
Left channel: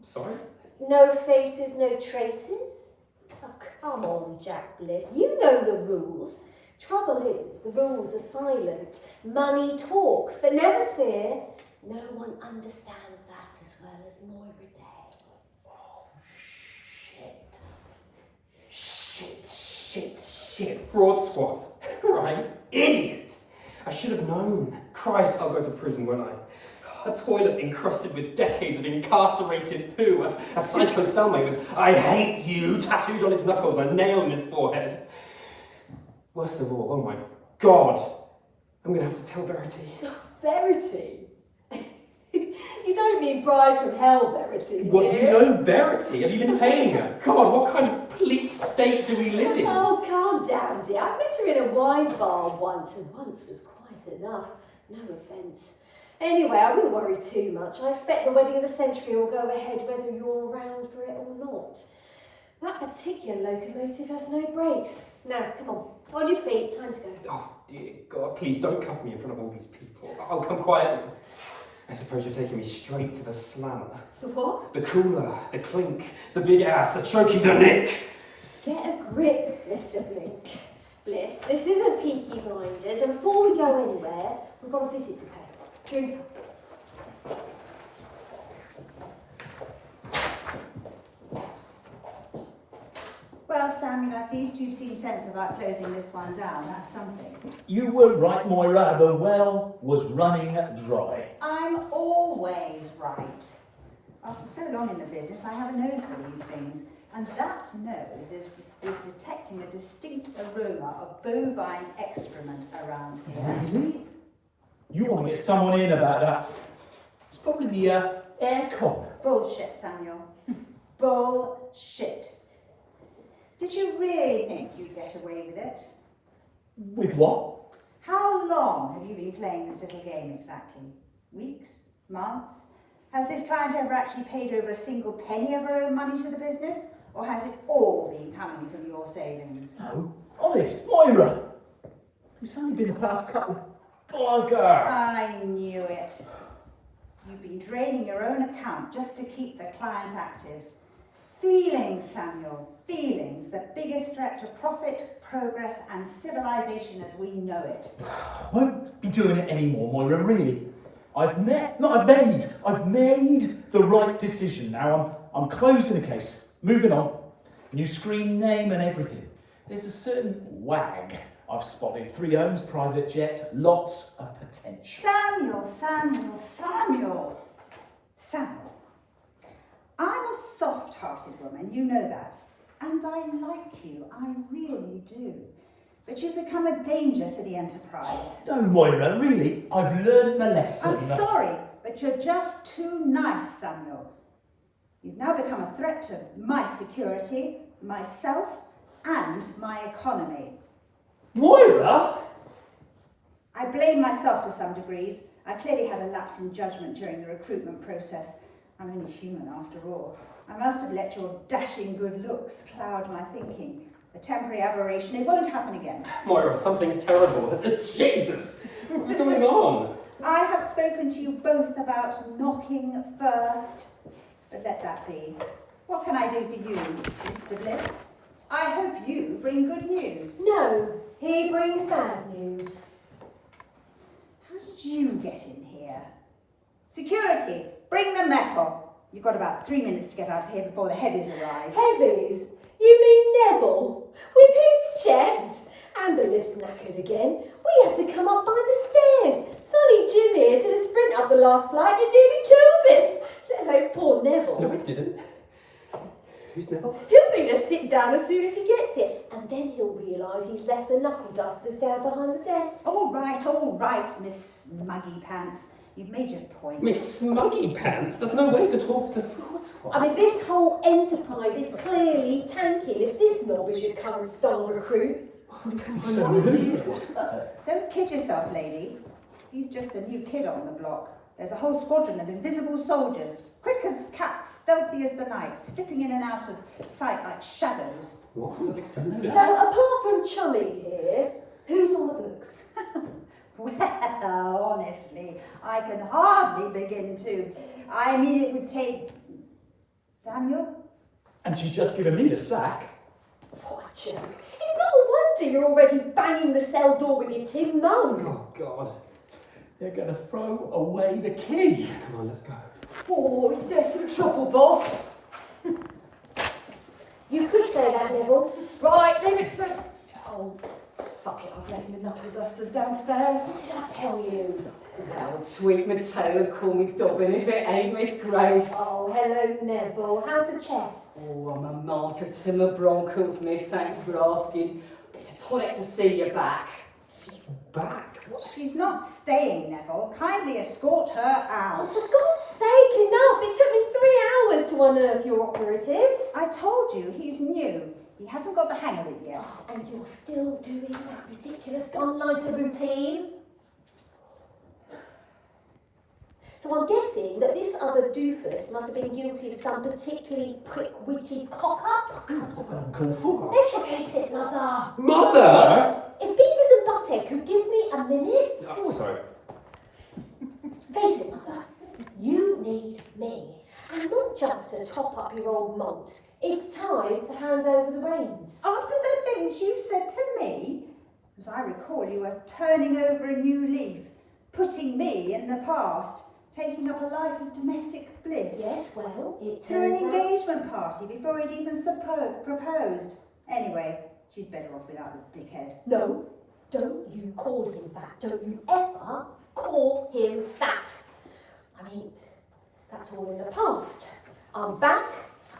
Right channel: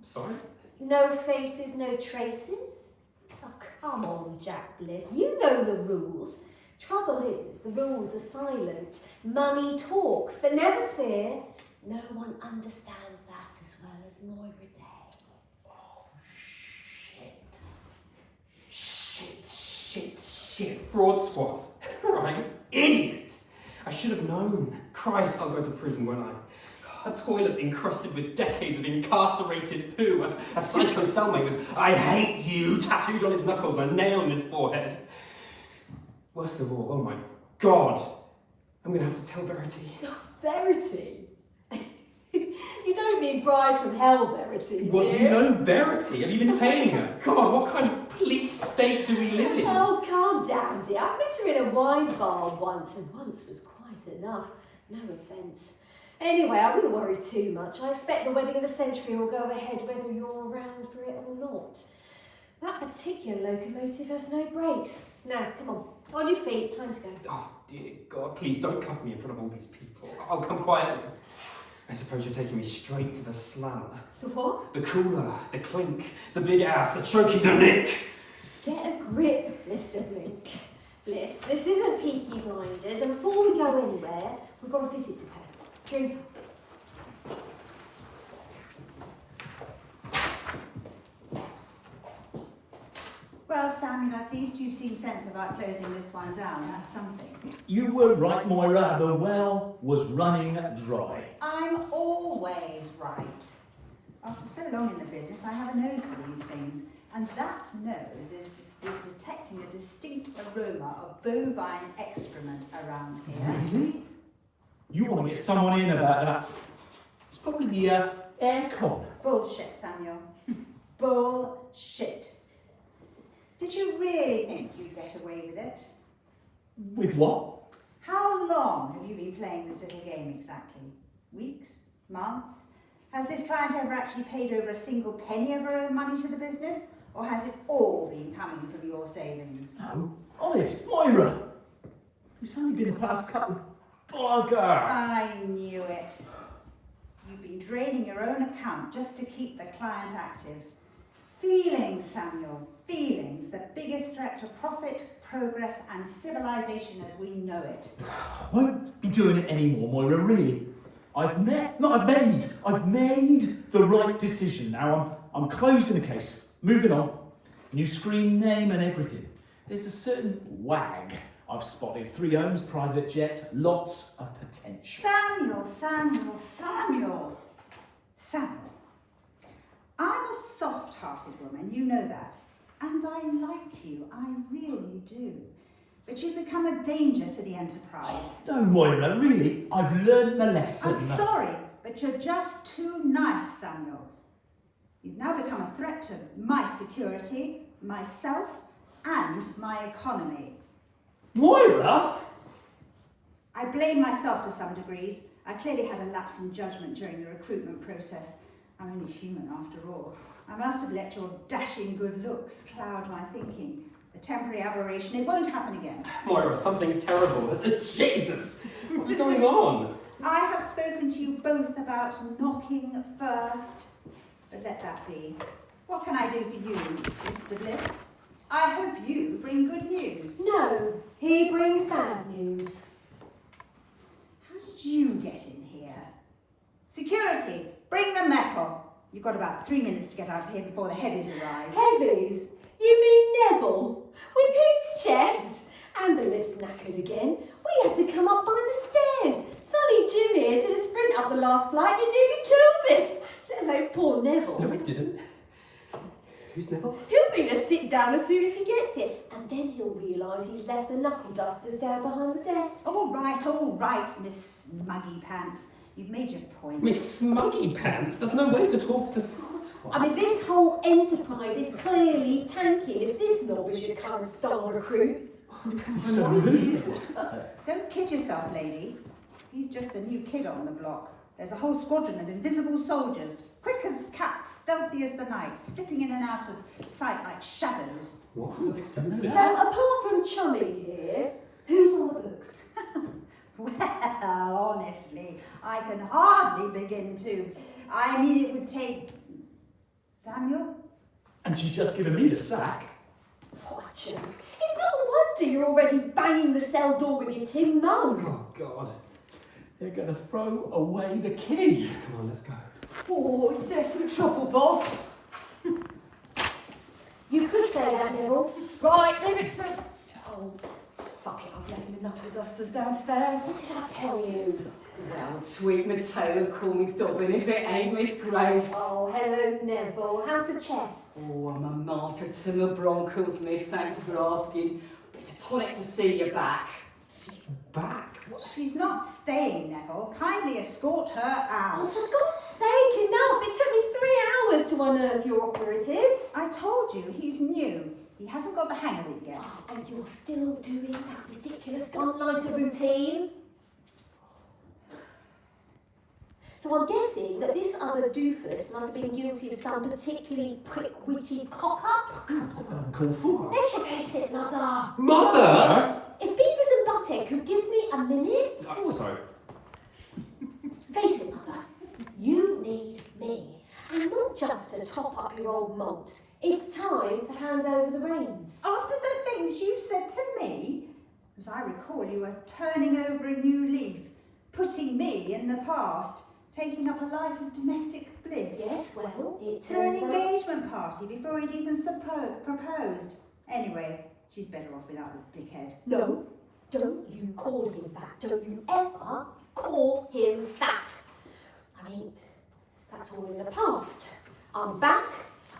sorry? No faces, no traces. Oh, come on, Jack Bliss. You know the rules. Trouble is, the rules are silent. Money talks, but never fear. No one understands that as well as Moira Day. Shit. Fraud squad. Right? Idiot! I should have known. Christ, I'll go to prison, won't I? A toilet encrusted with decades of incarcerated poo. A psycho cellmate with "I hate you" tattooed on his knuckles and a nail in his forehead. Worst of all, oh my God, I'm going to have to tell Verity. Verity? You don't mean Bride from Hell, Verity, do What, you know Verity? Have you been tailing her? God, what kind of police state do we live in? Oh, calm down, dear. I met her in a wine bar once, and once was quite enough. No offence. Anyway, I wouldn't worry too much. I expect the wedding of the century will go ahead whether you're around for it or not. That particular locomotive has no brakes. Now, come on your feet, time to go. Oh, dear God, please don't cuff me in front of all these people. I'll come quietly. I suppose you're taking me straight to the slammer. The what? The cooler, the clink, the big ass, the choking, the nick. Get a grip, Mr. Blink. Bliss, this isn't Peaky Blinders, and before we go anywhere, we've got a visit to pay. Drink. Well, Samuel, at least you've seen sense about closing this one down. That's something. You were right, Moira. The well was running dry. I'm always right. After so long in the business, I have a nose for these things. And that nose is detecting a distinct aroma of bovine excrement around here. Really? You want to get someone in about that? It's probably the aircon. Bullshit, Samuel. Bullshit. Did you really think you'd get away with it? With what? How long have you been playing this little game exactly? Weeks? Months? Has this client ever actually paid over a single penny of her own money to the business? Or has it all been coming from your savings? No, honest, Moira. It's only been the past couple. Bugger! I knew it. You've been draining your own account just to keep the client active. Feelings, Samuel, feelings, the biggest threat to profit, progress and civilization as we know it. I won't be doing it anymore, Moira, really. I've made the right decision. Now I'm closing the case, moving on. New screen name and everything. There's a certain wag I've spotted. 3 homes, private jets, lots of potential. Samuel. I'm a soft-hearted woman, you know that. And I like you, I really do. But you've become a danger to the enterprise. No, Moira, really, I've learned my lesson. I'm sorry, but you're just too nice, Samuel. You've now become a threat to my security, myself, and my economy. Moira? I blame myself to some degrees. I clearly had a lapse in judgment during the recruitment process. I'm only human after all. I must have let your dashing good looks cloud my thinking. A temporary aberration, it won't happen again. Moira, something terrible. Jesus! What's going on? I have spoken to you both about knocking first, but let that be. What can I do for you, Mr. Bliss? I hope you bring good news. No, he brings bad news. How did you get in here? Security, bring the metal. You've got about 3 minutes to get out of here before the heavies arrive. Heavies? You mean Neville? With his chest? And the lift's knackered again. We had to come up by the stairs. Sonny Junior did a sprint up the last flight and nearly killed him. Let alone poor Neville. No, it didn't. Who's Neville? He'll be to sit down as soon as he gets here. And then he'll realise he's left the knuckle dusters down behind the desk. All right, Miss Muggy Pants. You've made your point. Miss Smuggy Pants? There's no way to talk to the fraud squad. I mean, this whole enterprise is clearly tanking if this knob is your current star recruit. So rude. Don't kid yourself, lady. He's just a new kid on the block. There's a whole squadron of invisible soldiers, quick as cats, stealthy as the night, slipping in and out of sight like shadows. What? So, apart from Chummy here, who's on the books? Well, honestly, I can hardly begin to. I mean, it would take Samuel. And she's just given me the sack. What a joke. It's no wonder you're already banging the cell door with your tin mug. Oh, God. They're going to throw away the key. Come on, let's go. Oh, is there some trouble, boss? You could say that, Neville. Right, leave it to... Oh, fuck it, I've left my knuckle dusters downstairs. What did I tell you? Well, tweak my tail and call me Dobbin if it ain't Miss Grace. Oh, hello, Neville. How's the chest? Oh, I'm a martyr to my bronchos, miss, thanks for asking. But it's a tonic to see you back. Back? She's not staying, Neville. Kindly escort her Oh, out. for God's sake, enough! It took me 3 hours to unearth your operative. I told you, he's new. He hasn't got the hang of it yet. And you're still doing that ridiculous one-nighter routine? So I'm guessing that this other doofus must have been guilty of some particularly quick-witted cock-up. Uncalled for. Let's face it, Mother. Mother! If Beavers and Butthead could give me a minute... Oh, sorry. Face it, Mother, you need me. And not just to top up your old malt. It's time to hand over the reins. After the things you said to me, as I recall, you were turning over a new leaf, putting me in the past, taking up a life of domestic bliss. Yes, well, it To an turns out... engagement party before he'd even proposed. Anyway, she's better off without the dickhead. No, don't you call him that. Don't you ever call him that. I mean, that's all in the past. I'm back.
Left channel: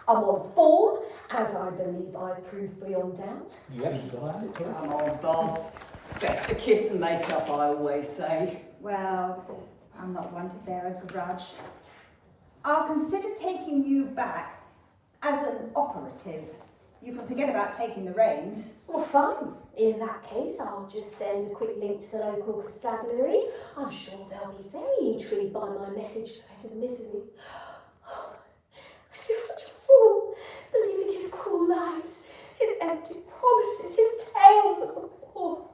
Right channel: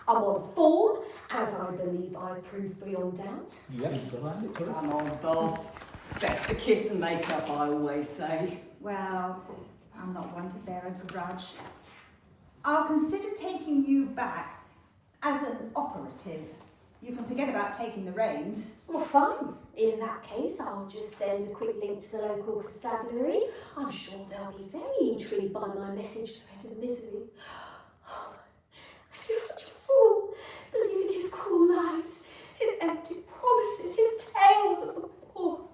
I'm on form, as I believe I've proved beyond doubt. Yeah, you got it. Come on, boss. Best to kiss and make up, I always say. Well, I'm not one to bear a grudge. I'll consider taking you back as an operative. You can forget about taking the reins. Well, fine. In that case, I'll just send a quick link to the local constabulary. I'm sure they'll be very intrigued by my message to the misery. I feel such a fool, believing his cruel lies, his empty promises, his tales of the poor,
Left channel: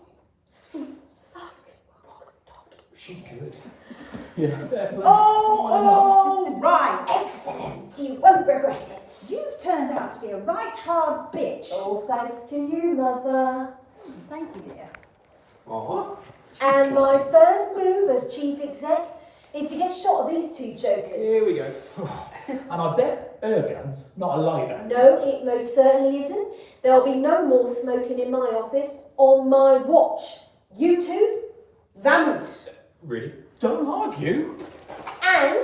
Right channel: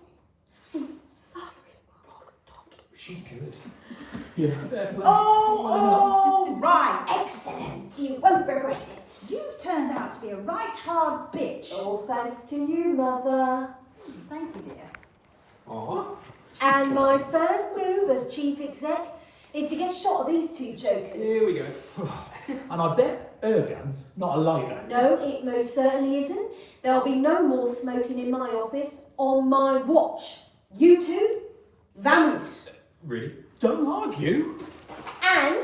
sweet, suffering rock donkey. She's good. Yeah, fair play. Oh, all right. Excellent. You won't regret it. You've turned out to be a right hard bitch. All thanks to you, Mother. Thank you, dear. Aw. And my first move as chief exec is to get shot of these two jokers. Here we go. And I bet Ergan's not a lighter. No, it most certainly isn't. There'll be no more smoking in my office on my watch. You two, vamoose. Really? Don't argue. And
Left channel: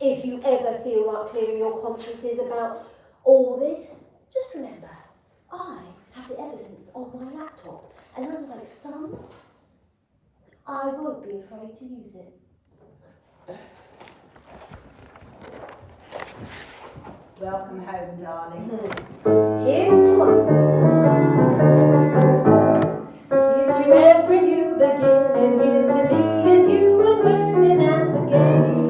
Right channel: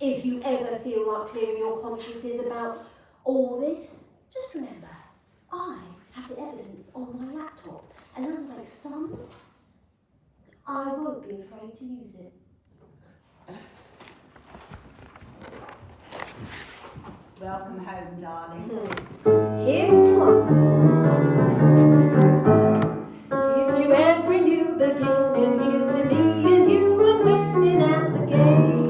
if you ever feel like clearing your consciences about all this, just remember, I have the evidence on my laptop, and unlike some, I won't be afraid to use it. Welcome home, darling. Here's to us. Here's to every new beginning. Here's to me and you and winning at the game.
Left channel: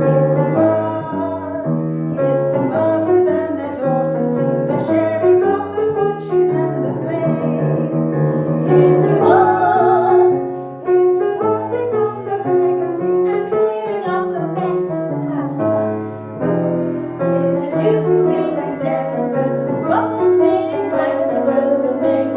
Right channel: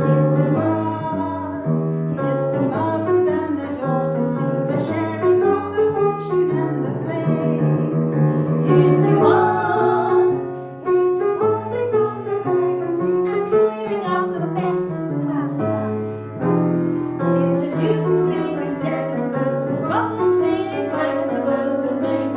Here's to us. Here's to mothers and their daughters, to the sharing of the fortune and the blame. Here's to us. Here's to passing on the legacy. And clearing up the mess without a fuss. Here's to you, live in different rooms. Boxing, singing, climbing the road with Mary's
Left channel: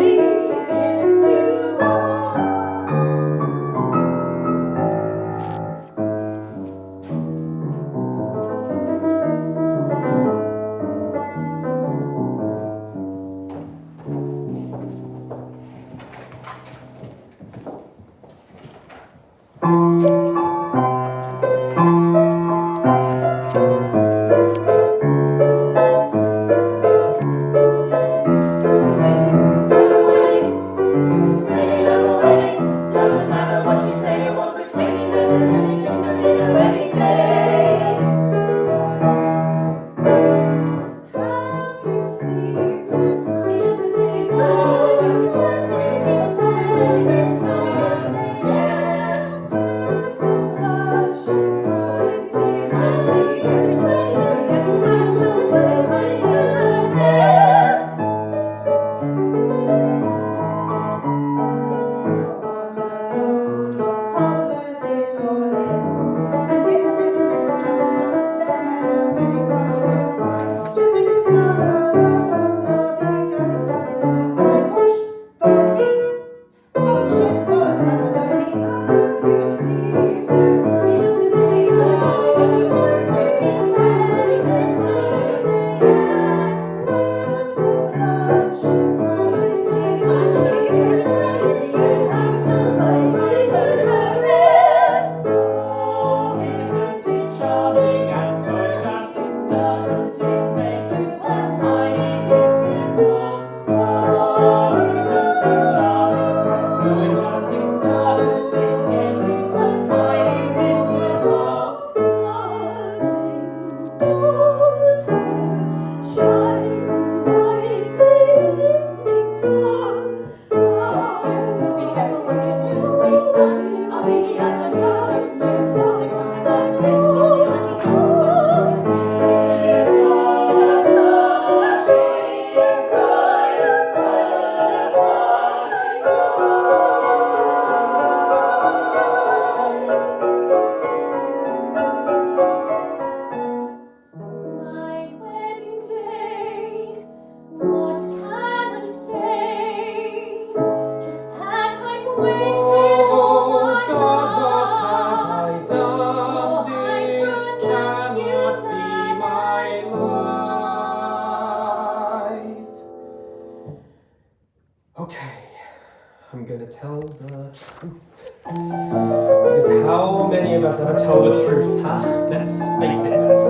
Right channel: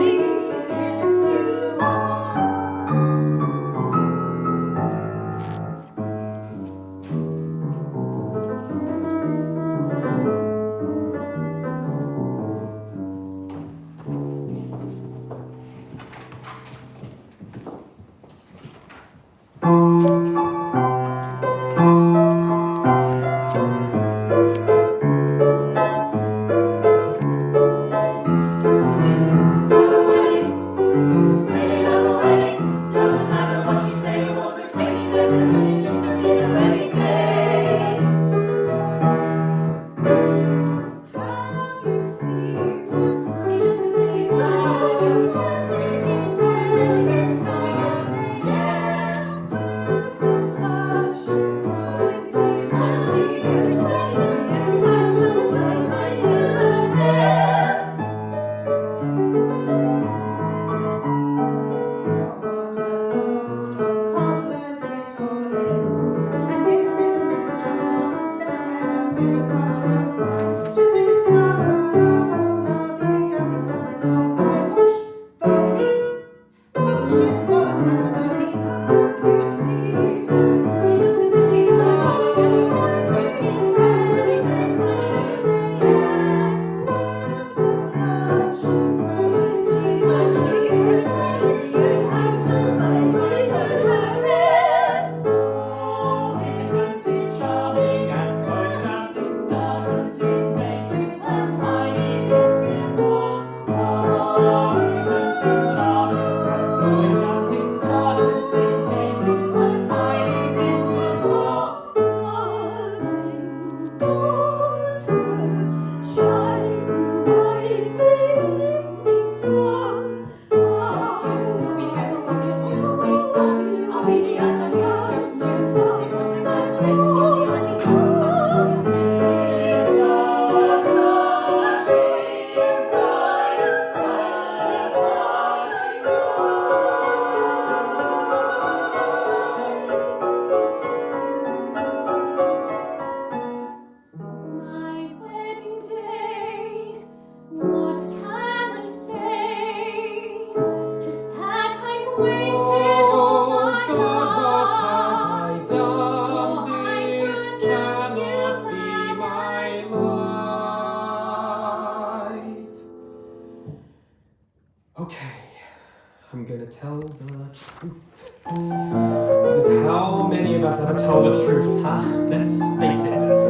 I'm gonna tell the truth. Because how many of us ever tell the truth, huh? Let's face it, let's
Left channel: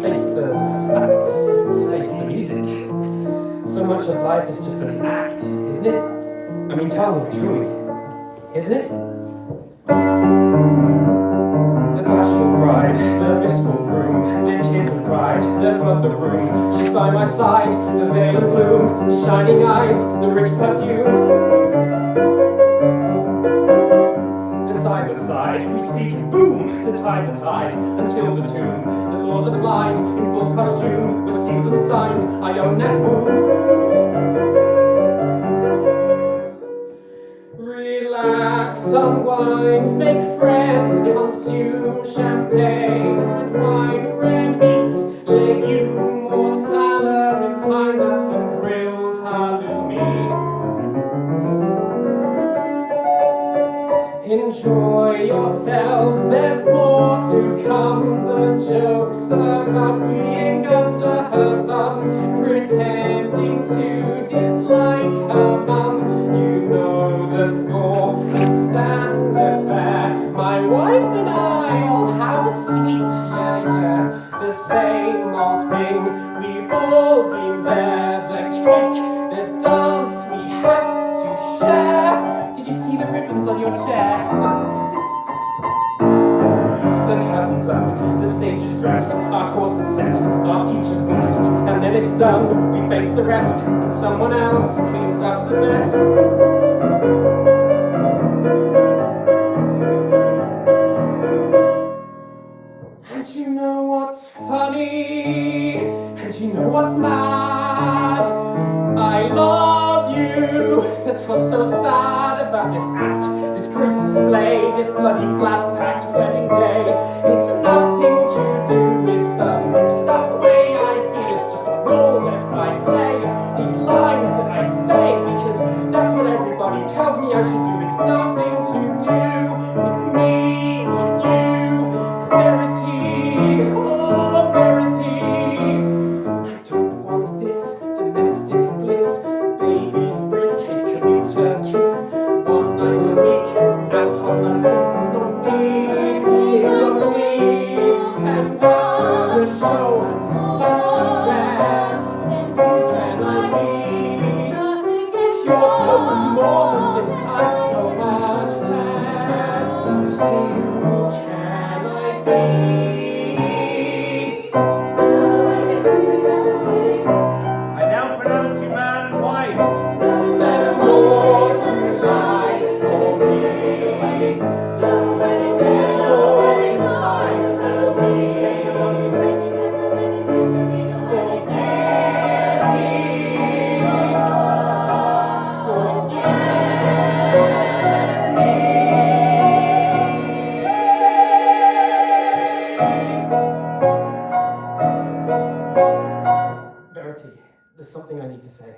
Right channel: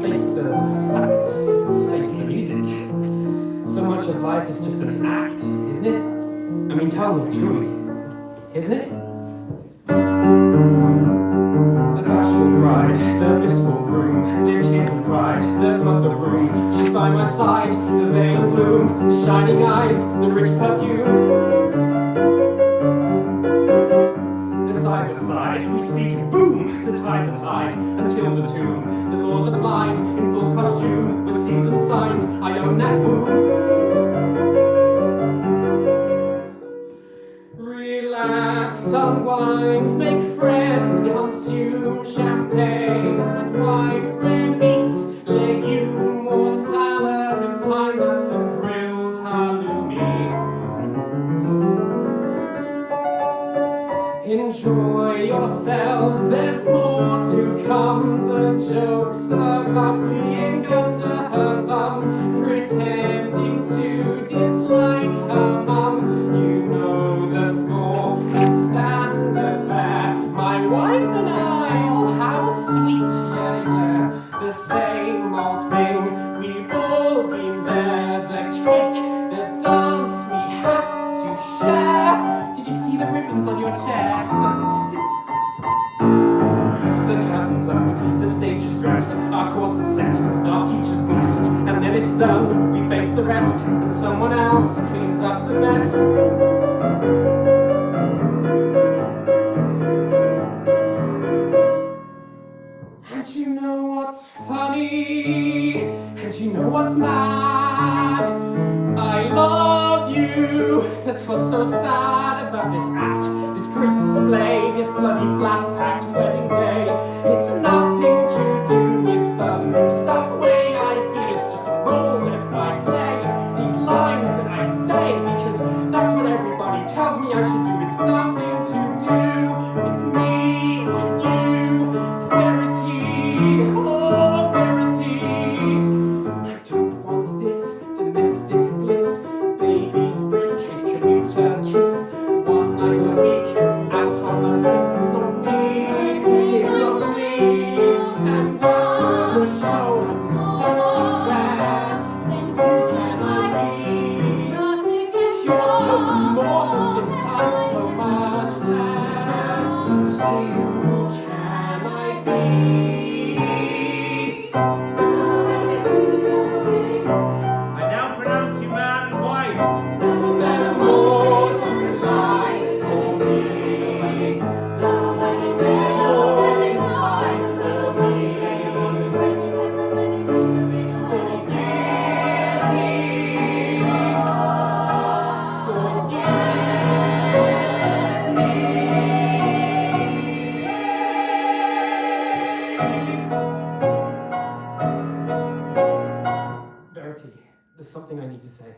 face the facts, let's face the music. So much of life is just an act, isn't it? I mean, tell me, truly, isn't it? The bashful bride, the blissful groom, the tears of pride, the flood the room. She's by my side, the veil of bloom, the shining eyes, the rich perfume. The sighs aside, we speak, boom, the tides are tied, until the tomb. The laws are blind, in full costume, we're sealed and signed, I own that womb. Relax, unwind, make friends, consume champagne and wine, rare meats, legume or salad with pine nuts and grilled halloumi. Enjoy yourselves, there's more to come. The jokes about being under her thumb, pretending to dislike her mum. You know the score, the standard fare. My wife and I, oh how sweet, yeah, the same old thing. We've all been there, the cake, the dance we have to share. Did you see the ribbons on your chair? The curtain's up, the stage is dressed, our course is set, our future's blessed, and then it's done, we face the rest, and someone else cleans up the mess. And you know what's funny, and you know what's mad. I love you, that's what's so sad about this act, this great display, this bloody flat-packed wedding day. It's nothing to do with the mixed up way I feel, it's just a role that I play. These lines that I say, because that's what everybody tells me I should do. It's nothing to do with me, with you, Verity, oh Verity. I don't want this domestic bliss, baby's briefcase, commuter kiss, one night a week, out on the list. It's not me, it's not me, and after the show, it's fancy dress. Who can I be? You're so much more than this, I'm so much less. Who can I be? I now pronounce you man and wife. There's more to life for me. There's more to life for me. Verity, there's something I need to say.